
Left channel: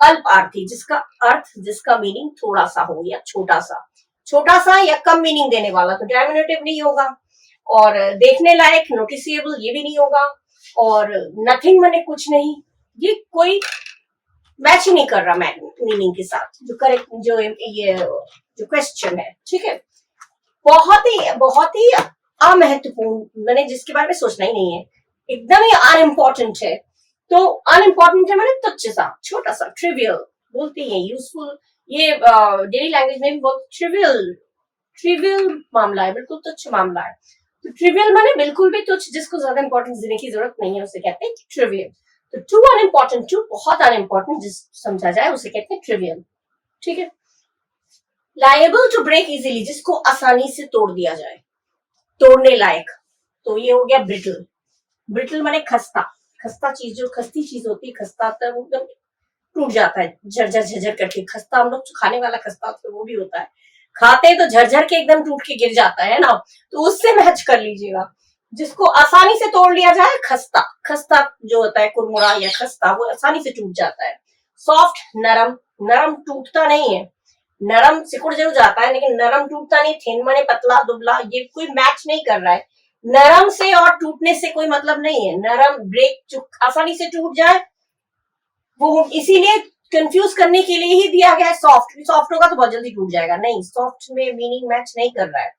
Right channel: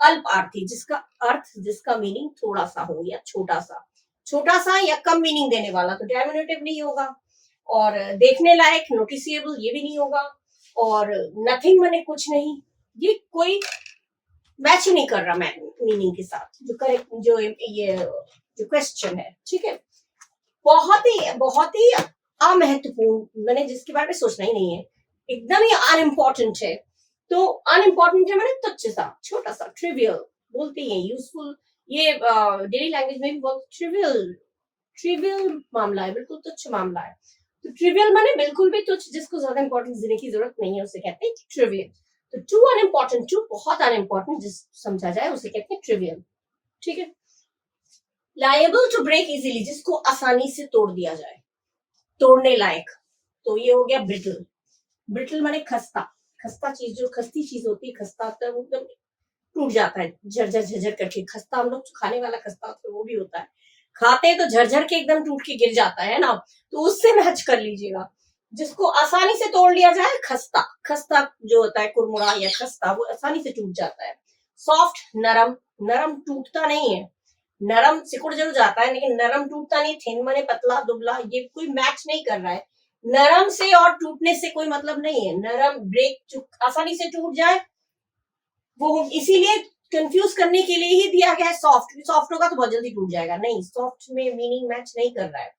अल्पार्थी, जिसका अर्थ जिसका मीनिंग थोड़ा सा हो या छोटा सा, छोटा सा या कम मीनिंग देने वाला, तो डैमिनेटिव नहीं होगा। और देखने लायक नोटिसेबल ये भी नहीं होगा, और नथिंग माने कुछ नहीं, ये कोई मैच ही नहीं कर रहा मीनिंग के साथ जो करेक्ट जो ये जो क्वेश्चन है। ठीक है, बहुत ही अमहत्वपूर्ण, मैंने जिसके बारे में सोचना ही नहीं है, एकदम ही अनइम्पोर्टेंट है। तो अनइम्पोर्टेंट है मैंने तुच्छ सा, छोटा सा, ट्रिवियल बोलते हैं, यूजफुल, ये डेली लैंग्वेज में भी बहुत ट्रिवियल, ट्रिवियल मामला है, बिल्कुल तुच्छ मामला है। तो ट्रिवियल माने बिल्कुल भी तुच्छ, जिसको ज्यादा इंपॉर्टेंस देने की जरूरत नहीं है, उसे कहते हैं ट्रिवियल। तो टू अनइम्पोर्टेंट, टू बहुत अनइम्पोर्टेंट जिस समझा जाए उसे कहते हैं ट्रिवियल। ठीक है, लायबल टू ब्रेक इजीली, जिसको आसानी से तोड़ दिया जाए, तोड़ने लायक, तो ये हो गया ब्रिटल। ब्रिटल माने खस्ता, खस्ता चीज, जो खस्ती चीज होती है, खस्ता होता है वो एकदम टूट जाता है झरझर झरझर करके। खस्ता हम लोग खाने वाला खस्ता होता है वो भी होता है, खाते हैं तो झरझर के एकदम टूट के गिर जाता है ना, तो उससे मैच कर लीजिएगा। जिसको आसानी से तोड़ लिया जाए, खस्ता, खस्ता जो होता है कुरमुरा या खस्ता, वो आसानी से टूट जाता है। सॉफ्ट, नरम, नरम टूटता नहीं है, नरम सिकुड़ जरूर जाता है लेकिन नरम टूटता नहीं। थिन माने पतला दुबला, ये कोई मैच नहीं कर रहा है, नरम से और टूटने से कोई मतलब नहीं है। नरम ब्रेक जो आसानी से टूट जाए, वो इसीलिए कंफ्यूज करने के लिए ही दिया गया है। सॉफ्ट, सॉफ्ट होगा तो बहुत जल्दी टूट जाएगा, नहीं, सॉफ्ट में मीनिंग मैच नहीं कर रहा है।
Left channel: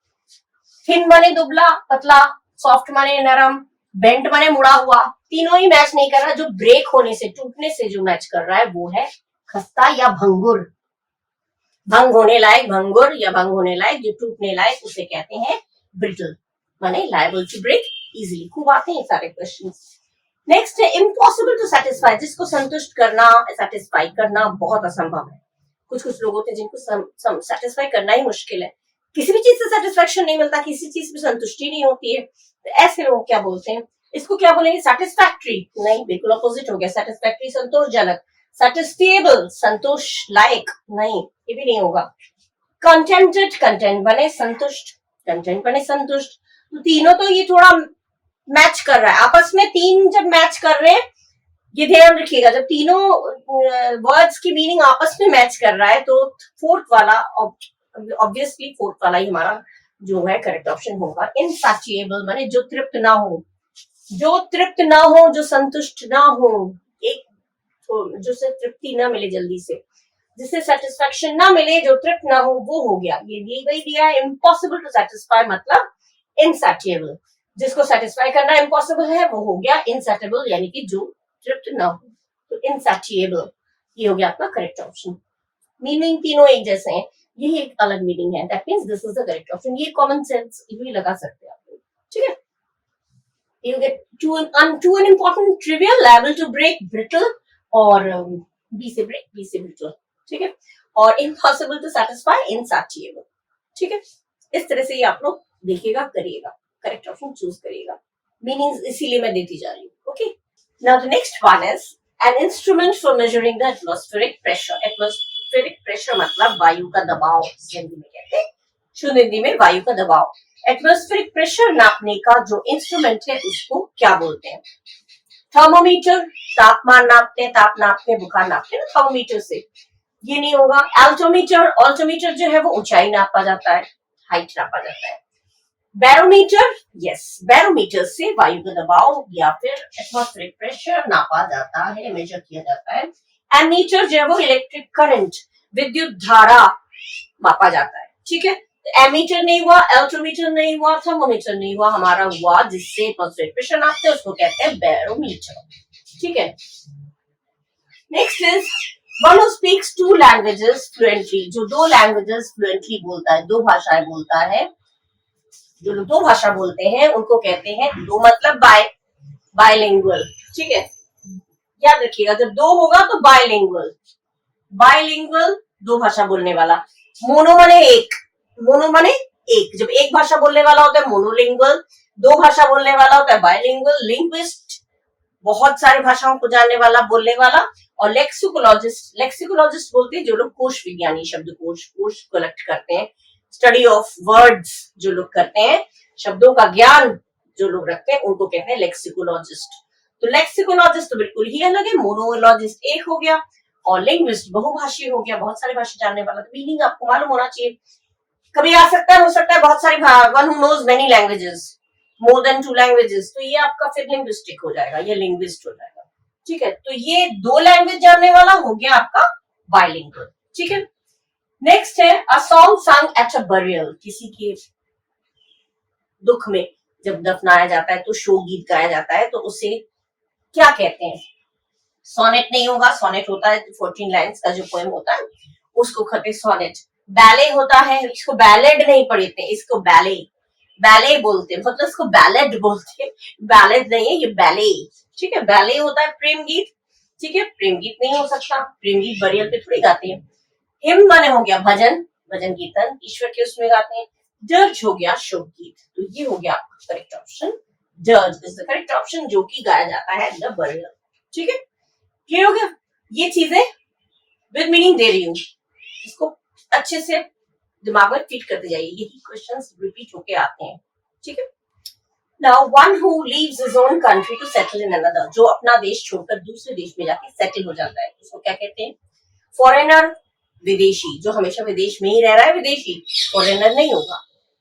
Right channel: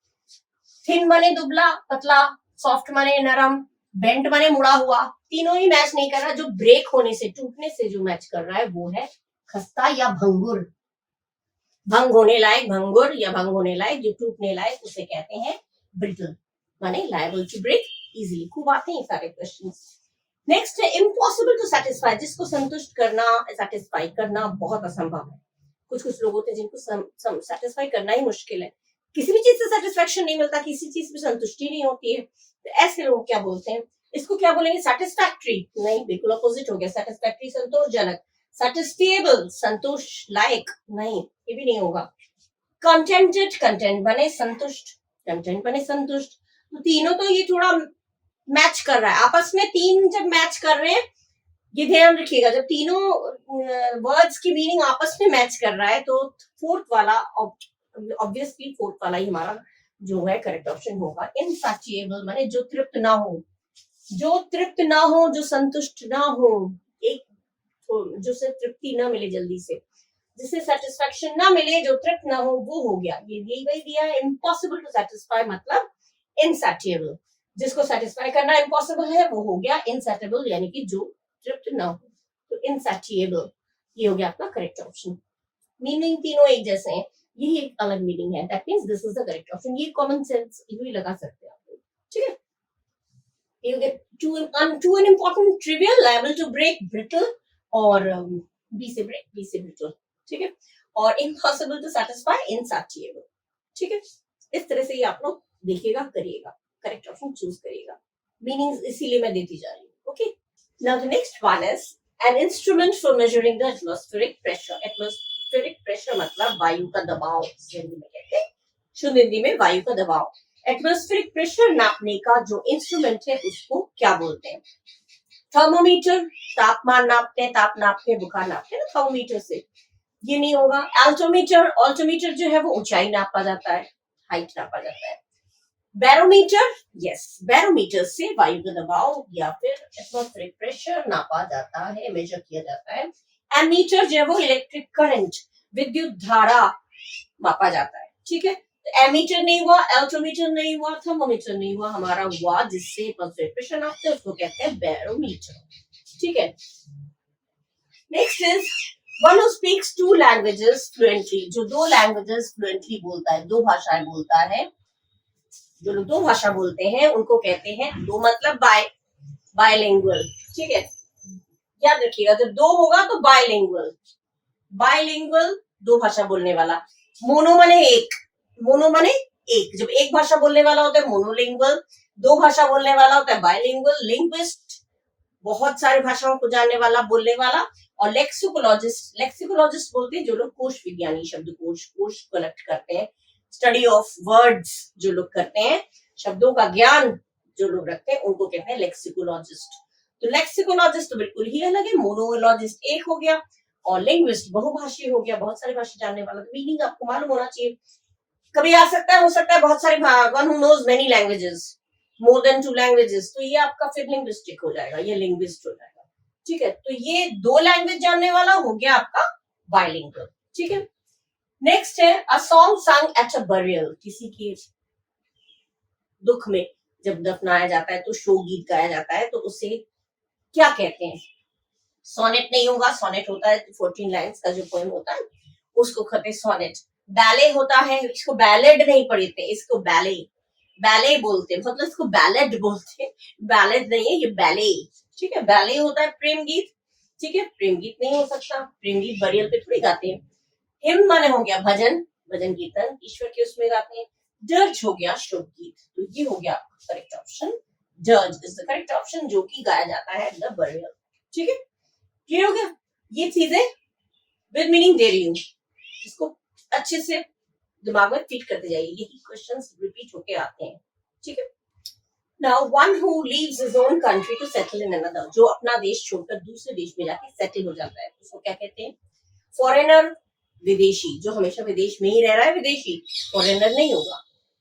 थिन माने दुबला पतला, सॉफ्ट माने नरम, बेंट माने मुड़ा हुआ, तीनों ही मैच नहीं कर रहा। जो ब्रेक होने से, टूटने से जो मैच कर रहा है वो है खस्ता या भंगुर। भंग होने लायक भंगुर, या भंग होने लायक जो टूटने लायक, उसे कहते हैं ब्रिटल, माने लायबल टू ब्रेक इजीली। खूब आते हैं सारे क्वेश्चन। नेक्स्ट है इम्पॉसिबल टू सेटिस्फाई, जिसको संतुष्ट करना, सेटिस्फाई करना बहुत असंभव है। कुछ कुछ लोग होते हैं जिनको सेटिस्फाई करना ही मुश्किल है, किसी भी चीज से सेटिस्फेक्शन नहीं मिलता, किसी चीज में संतुष्टि नहीं होती है, तो ऐसे लोग क्या बोलते हैं, इसको क्या बोलेंगे, सेटिस्फैक्ट्री नहीं, बिल्कुल अपोजिट हो गया। सेटिस्फैक्ट्री संतोषजनक, सेटिस्फेबल संतोष लायक, नहीं ये भी नहीं होगा। कंटेंटेड, कंटेंट बने संतुष्ट, कंटेंट बने संतुष्ट, तो तीनों तो ये थोड़ा मैच कर रहा है आपस में। तीन जब मैच कर रहे हैं, ये ध्यान रखिएगा, जब तीनों वर्ड्स की मीनिंग आपस में मैच कर रहा है तो फोर्थ वाला, ऑब्वियसली फोर्थ वाला ही हमारा जो है करेक्ट ऑप्शन होगा। इनसैटिएबल माने जो तृप्त ना हो, जो तृप्त ना हो, जो संतुष्ट ना हो, एक जो से तृप्ति ना मिले जल्दी से, जिससे सेटिस्फेक्शन ना मिले, जो तृप्त ना हो, वो हो गया। ये वही दिया है, इम्पॉसिबल टू सेटिस्फाई मतलब इनसैटिएबल, जिसको सेटिस्फाई करना इम्पॉसिबल है वो हो गया इनसैटिएबल, यानी कि जो तृप्त ना हो, तो इनसैटिएबल ये हो गया आपका करेक्ट ऑप्शन। मीनिंग तीनों एक जैसे हैं, यही एक अलग मीनिंग है, that means this is the correct option. ये कॉमन सेंस भी लगा सकते हैं आप लोग। ठीक है, you get to an important trivial, liable to break, brittle, और बी से ब्रेक, बी से brittle। ठीक है, और इम्पॉसिबल टू सेटिस्फाई, इनसैटिएबल। ठीक है, इस तरह से ये आप लोग देखिएगा, करिएगा, करेक्ट ऑप्शन चूज करिएगा। मीनिंग्स इसीलिए मैं देती जा रही हूँ. Okay, now the next one is an instrument for measuring the atmospheric pressure. Atmospheric pressure मतलब वायु का दबाव, हिंदी में कहते हैं, शुद्ध हिंदी में वायु का दबाव. एटमॉस्फेरिक प्रेशर नापने का जो इंस्ट्रूमेंट है उसको क्या बोलते हैं? थर्मोमीटर, तापमान नापते हैं, ताप नापते हैं, बुखार नापते हैं ना थर्मोमीटर से. ये नहीं होगा. अल्टोमीटर, अल्टोमीटर जो है वो ऊंचाई नापा जाता है, हाइट नापा जाता है. बैरोमीटर, यस, बैरोमीटर से वायु का दबाव या फिर एटमॉस्फेरिक प्रेशर नापा जाता है, मेजर किया जाता है. एमीटर जो है वो इलेक्ट्रिक करंट, विद्युत धारा मापा जाता है. ठीक है, एमीटर नहीं हुआ, अल्टोमीटर नहीं हुआ, थर्मोमीटर नहीं हुआ, हमारा हुआ जिससे एटमॉस्फेरिक प्रेशर नापते हैं उसको कहते हैं बैरोमीटर. ठीक है, next is one who speaks to languages fluently. जो दो लैंग्वेजेस फ्लुएंटली बोलता है, दो भाषाएं बोलता है, जो लोग दो भाषा बोलते हैं उनको कहते हैं, दो मतलब बायलिंगुअल. ठीक है, याद रखिएगा जब दो होगा तो बायलिंगुअल. बायलिंगुअल दो भाषा बोलने वाला. मोनो माने एक, मोनो माने एक. जब एक भाषा बोलने वाला होता है मोनोलिंगुअल, दो भाषा बोलने वाला होता है बायलिंगुअल. लिंग्विस्ट बहुत सारी भाषाओं को जानने वाला, बोलने वाला. और लेक्सिकोलॉजिस्ट, लेक्सिकोलॉजिस्ट बोलते हैं जो लोग कोश विज्ञानी, कोश कलेक्ट करते हैं, स्टडी ऑफ वर्ड्स जो लोग करते हैं, शब्दों का ज्ञान जो लोग रखते हैं उनको कहते हैं लेक्सिकोलॉजिस्ट. तो लेक्सिकोलॉजिस्ट तो बिल्कुल ही अलग है, मोनोलॉजिस्ट एक हो गया, और लिंग्विस्ट बहुभाषी हो गया, बहुत सारी भाषा जानने वाला. तो मीनिंग आपको मालूम होना चाहिए. कभी आ सकता है, हो सकता है बहुत सारी, one who knows many languages, more than 2 languages, तो ये आपका फिर लिंग्विस्टिक हो जाएगा, ये लिंग्विस्ट हो जाएगा. ठीक है, तो ये दो लैंग्वेज जानने वाला हो गया आपका बायलिंगुअल. ठीक है, नेक्स्ट है a song song at a burial. किसी के दुख में जब दफनाया जाता है तो शोक गीत गाया जाता है, तो उसे क्या कहते हैं? सोनेट नहीं होगा, सोनेट होता है 14 लाइन्स का जो पोएम होता है उसको कहते हैं सोनेट. बैले होता है, इसको बैलेड नहीं पढ़ते, इसको बैले, बैले बोलते हैं, मतलब इसको बैलेड बोलते हैं, बैलेड नहीं है ये बैले. ठीक है, बैले होता है प्रेम गीत. ठीक है, प्रेम गीत नहीं हो सकता, प्रेम गीत बरियल पे थोड़ी गाते हैं. हिम माने हो गया भजन, भजन कीर्तन ईश्वर के उसमें गाते हैं. डर्ज हो गया शोक गीत. तो ये हो गया आपका correct option. Dirge is the correct option, जो कि गाया जाता है द बरियल. ठीक है, क्लियर हो गया. ये चीजें विद मीनिंग दे रही हूँ, इसको अच्छे से दिमाग में फिट करते जाइए, यही क्वेश्चंस रिपीट होके आते हैं. ठीक है, now one who leaves his own country to settle in another. जो अपना देश छोड़कर दूसरे देश में जाके सेटल हो जाता है उसको क्या कहते हैं? फॉरेनर, विदेशी. जो हमेशा विदेश में ही रह रहा है विदेशी, फॉरेनर नहीं होगा.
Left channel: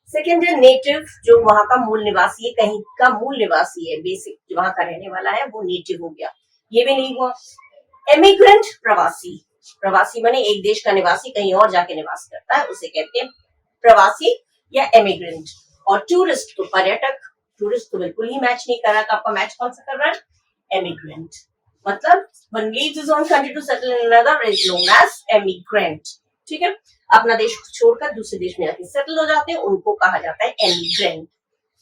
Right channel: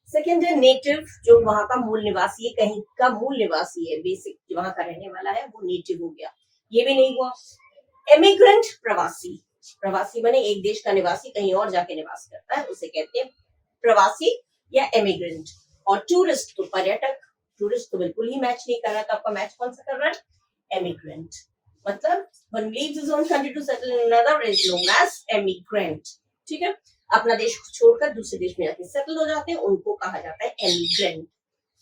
सेकेंड है नेटिव, जो वहां का मूल निवासी है, कहीं का मूल निवासी है, बेसिक जो वहां का रहने वाला है वो नेटिव हो गया, ये भी नहीं हुआ. इमिग्रेंट, प्रवासी. प्रवासी माने एक देश का निवासी कहीं और जाके निवास करता है, उसे कहते हैं प्रवासी या इमिग्रेंट. और टूरिस्ट तो पर्यटक. टूरिस्ट तो बिल्कुल ही मैच नहीं कर रहा, तो आपका मैच कौन सा कर रहा है? इमिग्रेंट. मतलब one leaves his own country to settle in another is known as immigrant. ठीक है, अपना देश छोड़कर दूसरे देश में जाके सेटल हो जाते हैं उनको कहा जाता है एमिग्रेंट.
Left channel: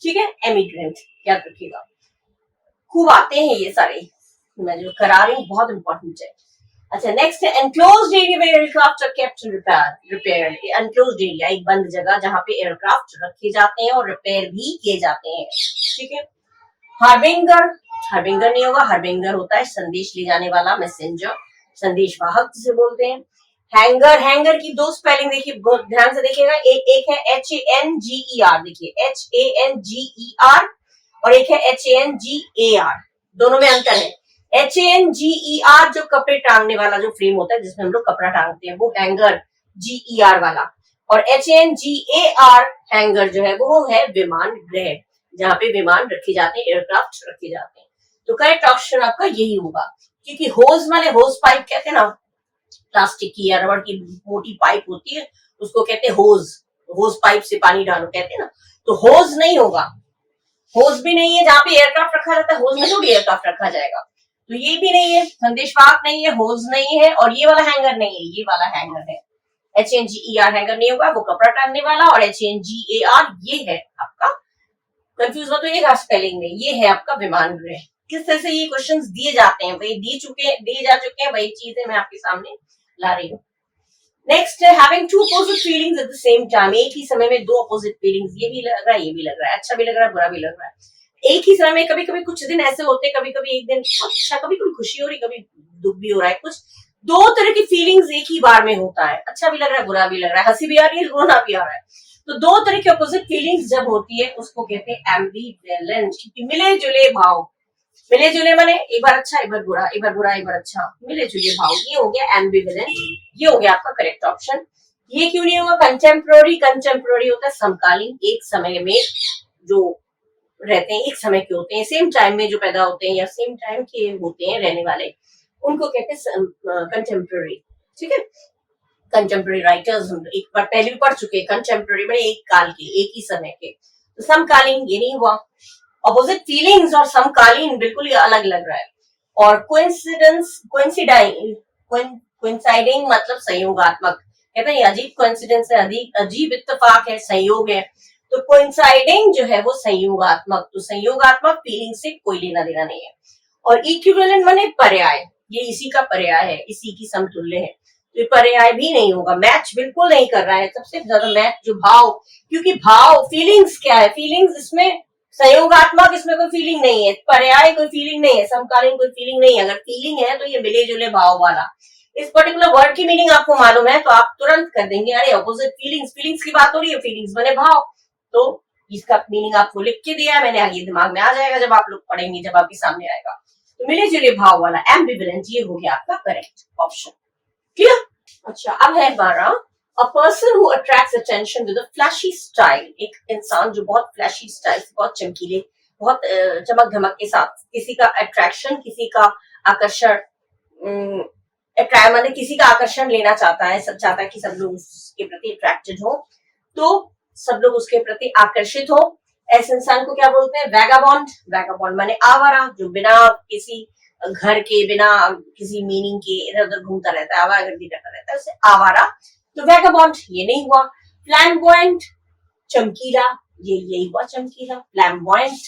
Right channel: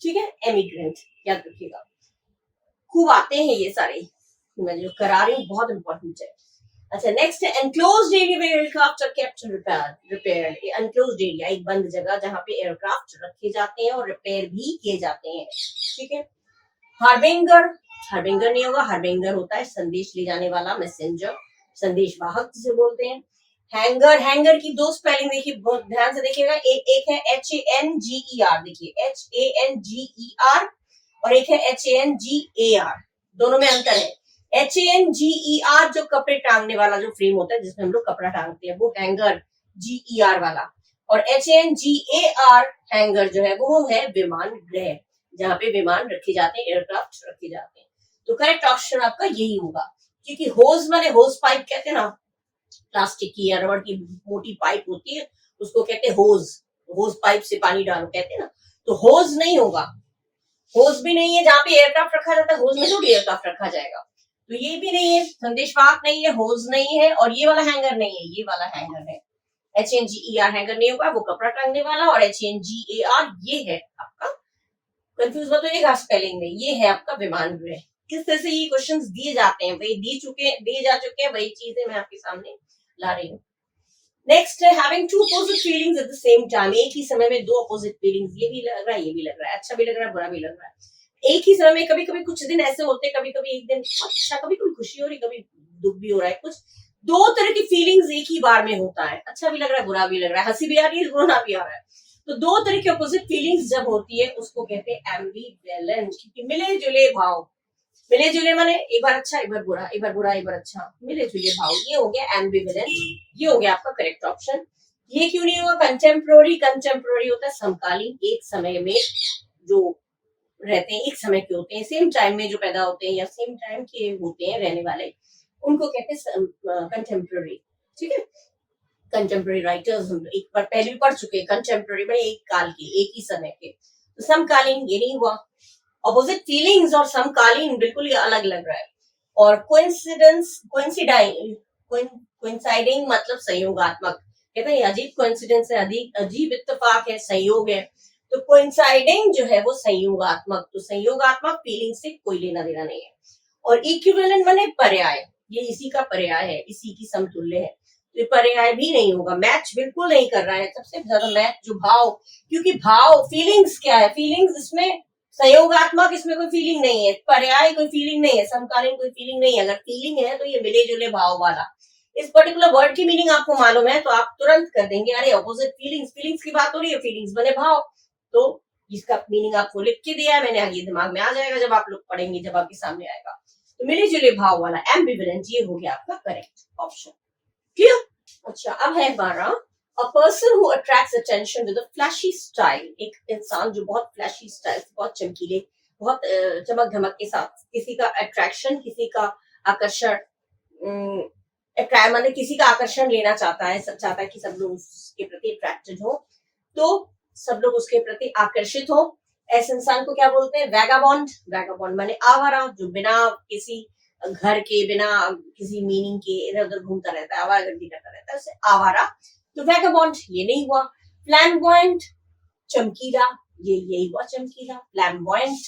ठीक है, एमिग्रेंट याद रखिएगा. खूब आते हैं ये सारे, मैं जो करा रही हूँ बहुत इंपॉर्टेंट है. अच्छा, नेक्स्ट है enclosed area where aircraft are kept repaired. Enclosed area एक बंद जगह जहाँ पे एयरक्राफ्ट रखे जाते हैं और रिपेयर भी किए जाते हैं. ठीक है, हार्बिंगर, हार्बिंगर नहीं होगा, हार्बिंगर होता है संदेश ले जाने वाला, मैसेंजर, संदेश वाहक जिसे बोलते हैं. हैंगर, हैंगर की दो स्पेलिंग देखिए, बहुत ध्यान से देखिएगा. एक है HANGER, देखिए HANGER, और एक है HANGAR. दोनों में अंतर है. HANGER जो कपड़े टांगने वाला जो फ्रेम होता है जिसमें हम लोग कपड़ा टांगते हैं वो हैंगर, GER वाला. और HANGAR हैंगर जो है वो है विमान गृह, जहाँ पे विमान रखे जाते हैं, एयरक्राफ्ट रखे जाते हैं. तो करेक्ट ऑप्शन आपका यही होगा, क्योंकि होज माने होज पाइप कहते हैं ना, प्लास्टिक की या रबड़ की मोटी पाइप होती है उसको कहते हैं होज. होज पाइप से पानी डालो कहते हैं ना, तो होज नहीं होगा. होज भी नहीं है, जहाँ पे एयरक्राफ्ट रखा रहता है होज में थोड़ी एयरक्राफ्ट रखा जाएगा. तो ये भी नहीं है, संदेशवाहक नहीं है, होज नहीं है, और ये वाला हैंगर नहीं है, ये वाला हैंगर है. HANGER हैंगर नहीं होगा, वो कपड़ा टांगने वाला. और HANGAR ये है आपका, कंफ्यूज हो तो ये स्पेलिंग में, ये है आपका विमान गृह. किस तरह से ये क्वेश्चंस दिए जाते हैं, वही दिए जा चुके हैं, वही चीजें मैं आपके सामने ला रही हूँ. नेक्स्ट है having two opposite feelings at the same time. एक ही समय में दो अपोजिट फीलिंग्स, ये भी लग रहा है, ये भी लग रहा है, अच्छा भी लग रहा है, बुरा भी लग रहा है. एक ही समय में कभी कभी कुछ दिन ऐसे होते हैं, कभी कभी एक दिन अच्छा, कभी कभी खुशी हो रही, कभी दुख भी हो रहा है, कुछ दो तरह की फीलिंग्स एक ही बार में होता है, अच्छा भी लग रहा है, बुरा भी लग रहा है, हंसी भी आ रही है, रोना भी आ रहा है। तो दो तरह की अपोजिट फीलिंग्स जब होती है उसको कहते हैं एम्बिवेलेंट, क्योंकि मिले जुले भाव, मिले जुले माने एक बार अच्छा एक बार बुरा, एक बार बुरा एक बार अच्छा, मिले जुले भाव, ये हो गया एम्बिवेलेंट। ये हो गया आपका करेक्ट ऑप्शन। ये क्यों नहीं होगा कंटेम्प्रोरी? कंटेम्प्रोरी होता है समकालीन, एक समय में जो रहते हैं, एक समय के होते हैं, सेम टाइम में जो पैदा होते हैं या सेम टाइम के होते हैं रहने वाले, उनको कहते हैं कंटेम्प्रोरी। ठीक है, कंटेम्प्रेरी राइटर्स एक बार पहले भी पढ़ चुके हैं, कंटेम्प्रेरी में एक काल के, एक ही समय के। तो समकालीन ये नहीं हुआ, अपोजिट फीलिंग्स और समकालीन बिल्कुल ही अलग लग रहा है। और कोइंसिडेंस, कोइंसाइडिंग मतलब संयोगात्मक, कहते हैं अजीब कोइंसिडेंस है, अजीब इत्तेफाक है, संयोग है। तो कोइंसाइडिंग जो है वो संयोगात्मक, तो संयोगात्मक फीलिंग से कोई लेना देना नहीं है। और इक्विवेलेंट माने पर्याय, ये इसी का पर्याय है, इसी की समतुल्य है, तो पर्याय भी नहीं होगा, मैच बिल्कुल नहीं कर रहा है। सबसे ज्यादा मैच जो भाव, क्योंकि भाव फीलिंग्स क्या है, फीलिंग्स इसमें संयोगात्मक, इसमें कोई फीलिंग नहीं है, पर्याय कोई फीलिंग नहीं है, समकालीन कोई फीलिंग नहीं है। अगर फीलिंग है तो ये मिले जुले भाव वाला। इस पर्टिकुलर वर्ड की मीनिंग आपको मालूम है तो आप तुरंत कर देंगे, अरे अपोजिट फीलिंग्स, फीलिंग्स की बात हो रही है, फीलिंग्स बने भाव, तो इसका मीनिंग आपको लिख के दिया मैंने, आगे दिमाग में आ जाएगा जब आप लोग पढ़ेंगे, जब आपके सामने आएगा। तो मिले जुले भाव वाला एम्बिवेलेंट, ये हो गया आपका करेक्ट ऑप्शन। क्लियर? अच्छा, अब है 12, a person who attracts attention with a flashy style, एक इंसान जो बहुत फ्लैशी स्टाइल, बहुत चमकीले, बहुत चमक धमक के साथ किसी का अट्रैक्शन, किसी का आकर्षण, मतलब किसी का आकर्षण लेना चाहता है, सब चाहता है कि सब लोग उसके प्रति अट्रैक्टेड हो, तो सब लोग उसके प्रति आकर्षित हो। ऐसे इंसान को क्या बोलते हैं? वैगाबॉन्ड। वैगाबॉन्ड माने आवारा, जो बिना किसी घर के, बिना किसी मीनिंग के इधर उधर घूमता रहता है, आवारागर्दी करता रहता है, उसे आवारा। तो वैगाबॉन्ड ये नहीं हुआ। फ्लैम्बॉयंट चमकीला, ये यही हुआ चमकीला, फ्लैम्बॉयंट।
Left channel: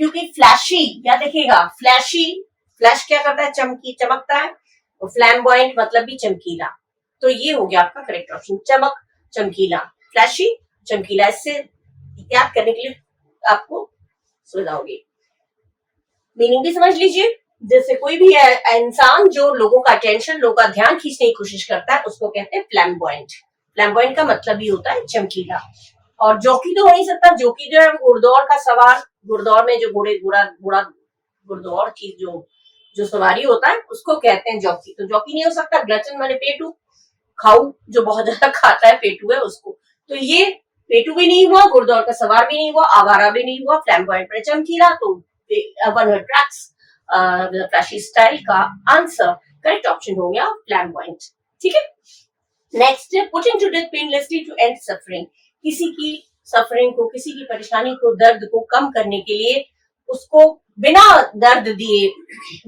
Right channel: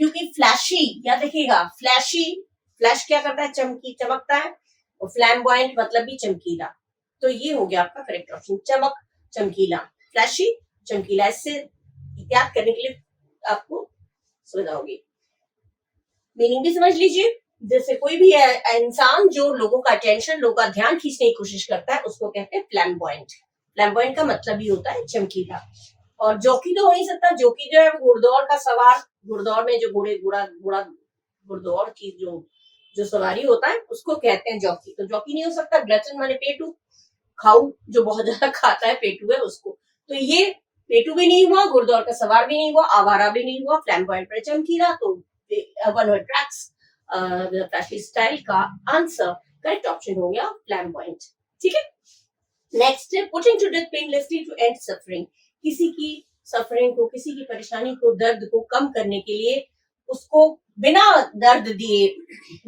क्योंकि फ्लैशी, या देखिएगा फ्लैशी, फ्लैश क्या करता है? चमकी, चमकता है, और फ्लैम्बॉयंट मतलब भी चमकीला। तो ये हो गया आपका करेक्ट ऑप्शन, चमक, चमकीला, फ्लैशी, चमकीला। इससे याद करने के लिए आपको सुविधा होगी। मीनिंग भी समझ लीजिए, जैसे कोई भी इंसान जो लोगों का अटेंशन, लोगों का ध्यान खींचने की कोशिश करता है, उसको कहते हैं फ्लैम्बॉयंट। फ्लैम्बॉयंट का मतलब ही होता है चमकीला। और जॉकी तो हो नहीं सकता, जॉकी जो है घुड़दौड़ का सवार, घुड़दौड़ में जो घोड़े घोड़ा घोड़ा घुड़दौड़ की जो सवारी होता है उसको कहते हैं जॉकी। तो जॉकी नहीं हो सकता। ग्लटन माने पेटू, खाऊ जो बहुत ज्यादा खाता है, पेटू है उसको। तो ये पेटू भी नहीं हुआ, घुड़दौड़ का सवार भी नहीं हुआ, आवारा भी नहीं हुआ, फ्लैम्बॉयंट पर चमकीला। तो one who attracts with flashy style का आंसर करेक्ट ऑप्शन हो गया फ्लैम्बॉयंट। ठीक है, नेक्स्ट है putting to death painlessly to end suffering, किसी की सफरिंग को, किसी की परेशानी को, दर्द को कम करने के लिए उसको बिना दर्द दिए,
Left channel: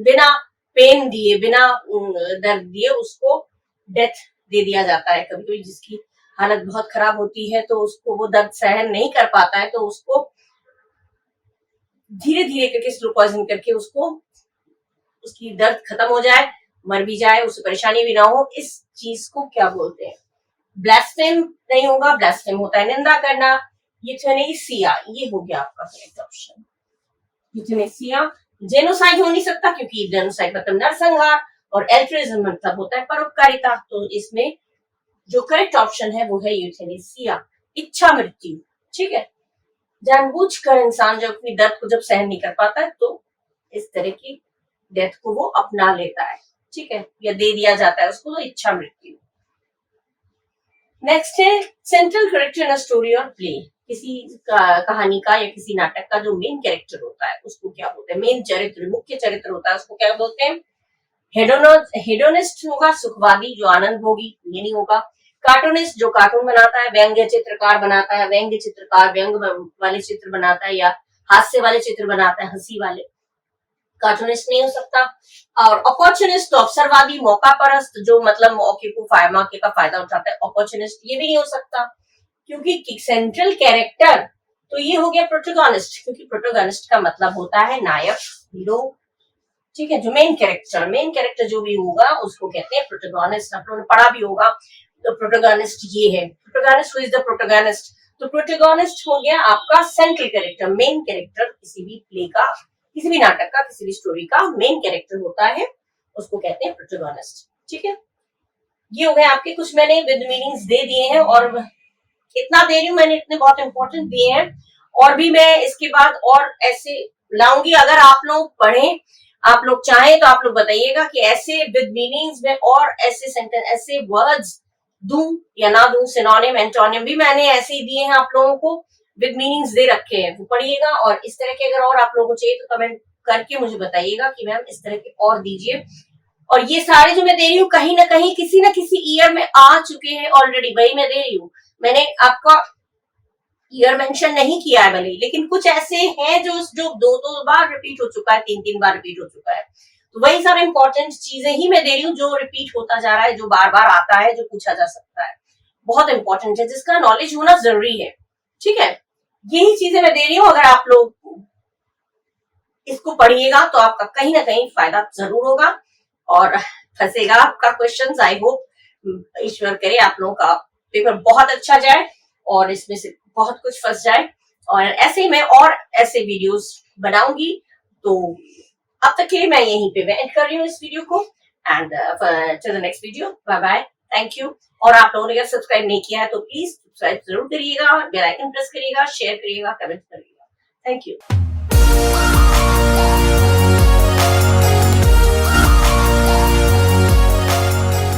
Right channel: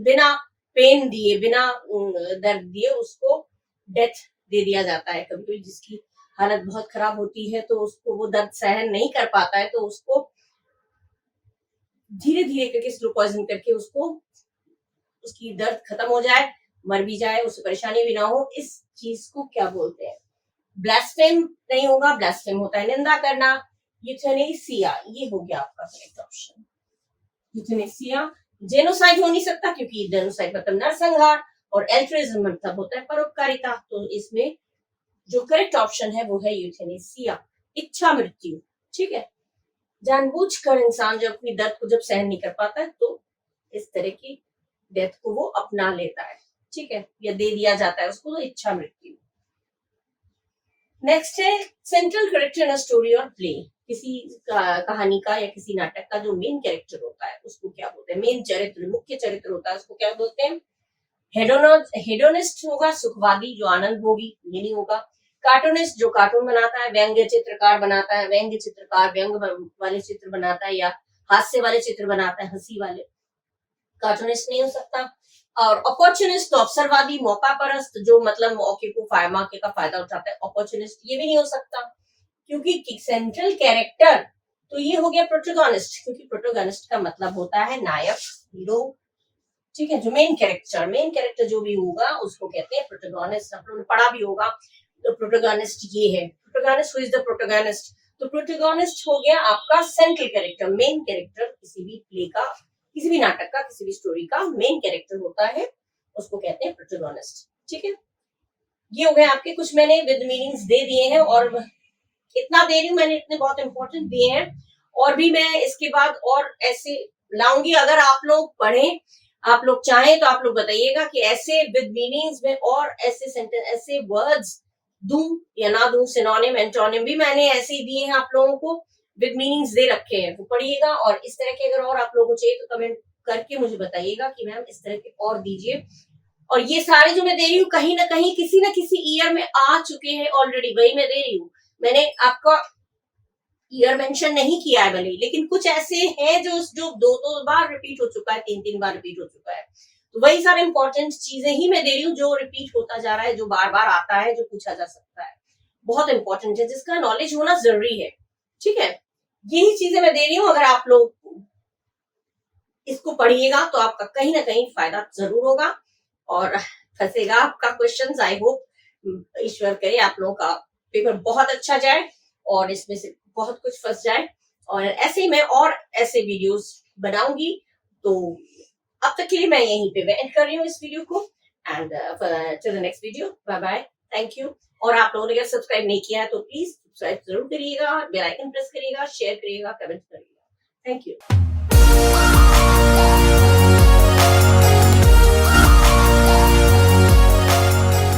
बिना पेन दिए, बिना दर्द दिए उसको डेथ दे दिया जाता है। कभी कभी जिसकी हालत बहुत खराब होती है तो उसको वो दर्द सहन नहीं कर पाता है, तो उसको धीरे धीरे करके स्लो पॉइजन करके उसको, उसकी दर्द खत्म हो जाए, मर भी जाए, उसे परेशानी भी ना हो, इस चीज को क्या बोलते हैं? ब्लास्फेम नहीं होगा, ब्लास्फेम होता है निंदा करना। यूथेनेसिया, ये हो गया आपका करेक्ट ऑप्शन, यूथेनेसिया। जेनोसाइड हो नहीं सकता क्योंकि जेनोसाइड मतलब नरसंहार, और एल्ट्रुइज्म मतलब होता है परोपकारिता। तो इसमें जो करेक्ट ऑप्शन है वो है यूथेनेसिया, इच्छा मृत्यु। ठीक है, जानबूझकर इंसान जब अपनी दर्द को जब सहन नहीं कर पाता है तो इस तरह की डेथ को वो अपना लेता है। ठीक है, या दे दिया जाता है उसको, तो इच्छा मृत्यु। नेक्स्ट है central character in a story और प्ले, किसी कहानी का या किसी नाटक का जो मेन कैरेक्टर होता है उसको क्या बोलते हैं? मेन चरित्र, मुख्य चरित्र होता है उसको क्या बोलते हैं? हेडोनिस्ट होगा, सुखवादी जो आनंद भोगी, ये नहीं होगा। कार्टूनिस्ट जो कार्टून बनाता है, व्यंग्य चित्रकार बनाता है, व्यंग्य चित्रकार व्यंग वाले चित्र बनाता है या हास्य वाले चित्र बनाता है, हंसी वाले। कार्टूनिस्ट नहीं हो सकता। और अपॉर्चुनिस्ट तो अवसरवादी, मौका परस्त जो मतलब मौके का फायदा उठाता है, अपॉर्चुनिस्ट ये भी नहीं हो सकता। क्योंकि सेंट्रल कैरेक्टर तो ये हो गया प्रोटोगोनिस्ट, क्योंकि प्रोटोगोनिस्ट का मतलब होता है नायक, हीरो। ठीक है, जो मेन कैरेक्टर जो भी होगा उसको कहते हैं प्रोटोगोनिस्ट। आप लोगों ने पढ़ा भी होगा, तो प्रोटोगोनिस्ट ये है। Protagonist who is the protagonist, तो प्रोटोगोनिस्ट हो गया आपका सेंट्रल कैरेक्टर, मेन कैरेक्टर किसी भी प्ले का, किसी भी नाटक का, किसी भी स्टोरी का मेन कैरेक्टर होता है, उसको कहते हैं प्रोटोगोनिस्ट। ठीक है, ये हो गए आपके कुछ, मैंने विद मीनिंग्स दे दिए हैं, और इतना दे रही हूँ मैंने, इतने बहुत इंपॉर्टेंट दिए हैं, और भी मैं इसके बाद और ऐसे लाऊंगी। अगर आप लोग पढ़ें, आप लोग चाहें तो आप लोग बताइएगा कि ऐसे विद मीनिंग्स में और ऐसे सेंटेंस, ऐसे वर्ड्स दूं या ना दूं, सिनोनिम एंटोनिम भी मैंने ऐसे ही दिए हैं आप लोगों को, विद मीनिंग्स दे रखे हैं, वो पढ़िएगा। और इस तरह के अगर और आप लोगों को चाहिए तो कमेंट करके मुझे बताइएगा कि मैम इस तरह के और दीजिए। और ये सारे जो मैं दे रही हूँ कहीं ना कहीं किसी ना किसी ईयर में आ चुके हैं ऑलरेडी, वही मैं दे रही हूँ, मैंने आपका ईयर मेंशन नहीं किया है भले, लेकिन कुछ ऐसे हैं जो दो बार रिपीट हो चुका है, तीन बार रिपीट हो चुका है, तो वही सारे इंपॉर्टेंट चीजें ही मैं दे रही हूँ जो रिपीट होता जा रहा है, जो बार बार आता है, जो पूछा जा सकता है, बहुत इंपॉर्टेंट है, जिसका नॉलेज होना जरूरी है। ठीक है, यही चीजें मैं दे रही हूँ, अगर आप लोग इसको पढ़िएगा तो आपका कहीं ना कहीं फायदा जरूर होगा और फंसेगा आपका क्वेश्चन। आई होप ईश्वर करे आप लोगों का पेपर बहुत अच्छा जाए और इसमें से बहुत कुछ फंस जाए, और ऐसे ही मैं और ऐसे वीडियोस बनाऊंगी। तो अब तक के लिए मैं यहीं पे एंड कर रही हूँ इस वीडियो को, and to the next video, bye bye, thank you. और आप लोगों ने अगर सब्सक्राइब नहीं किया है तो प्लीज सब्सक्राइब जरूर करिएगा, बेल आइकन प्रेस करिएगा, शेयर करिएगा, कमेंट करिएगा, थैंक यू।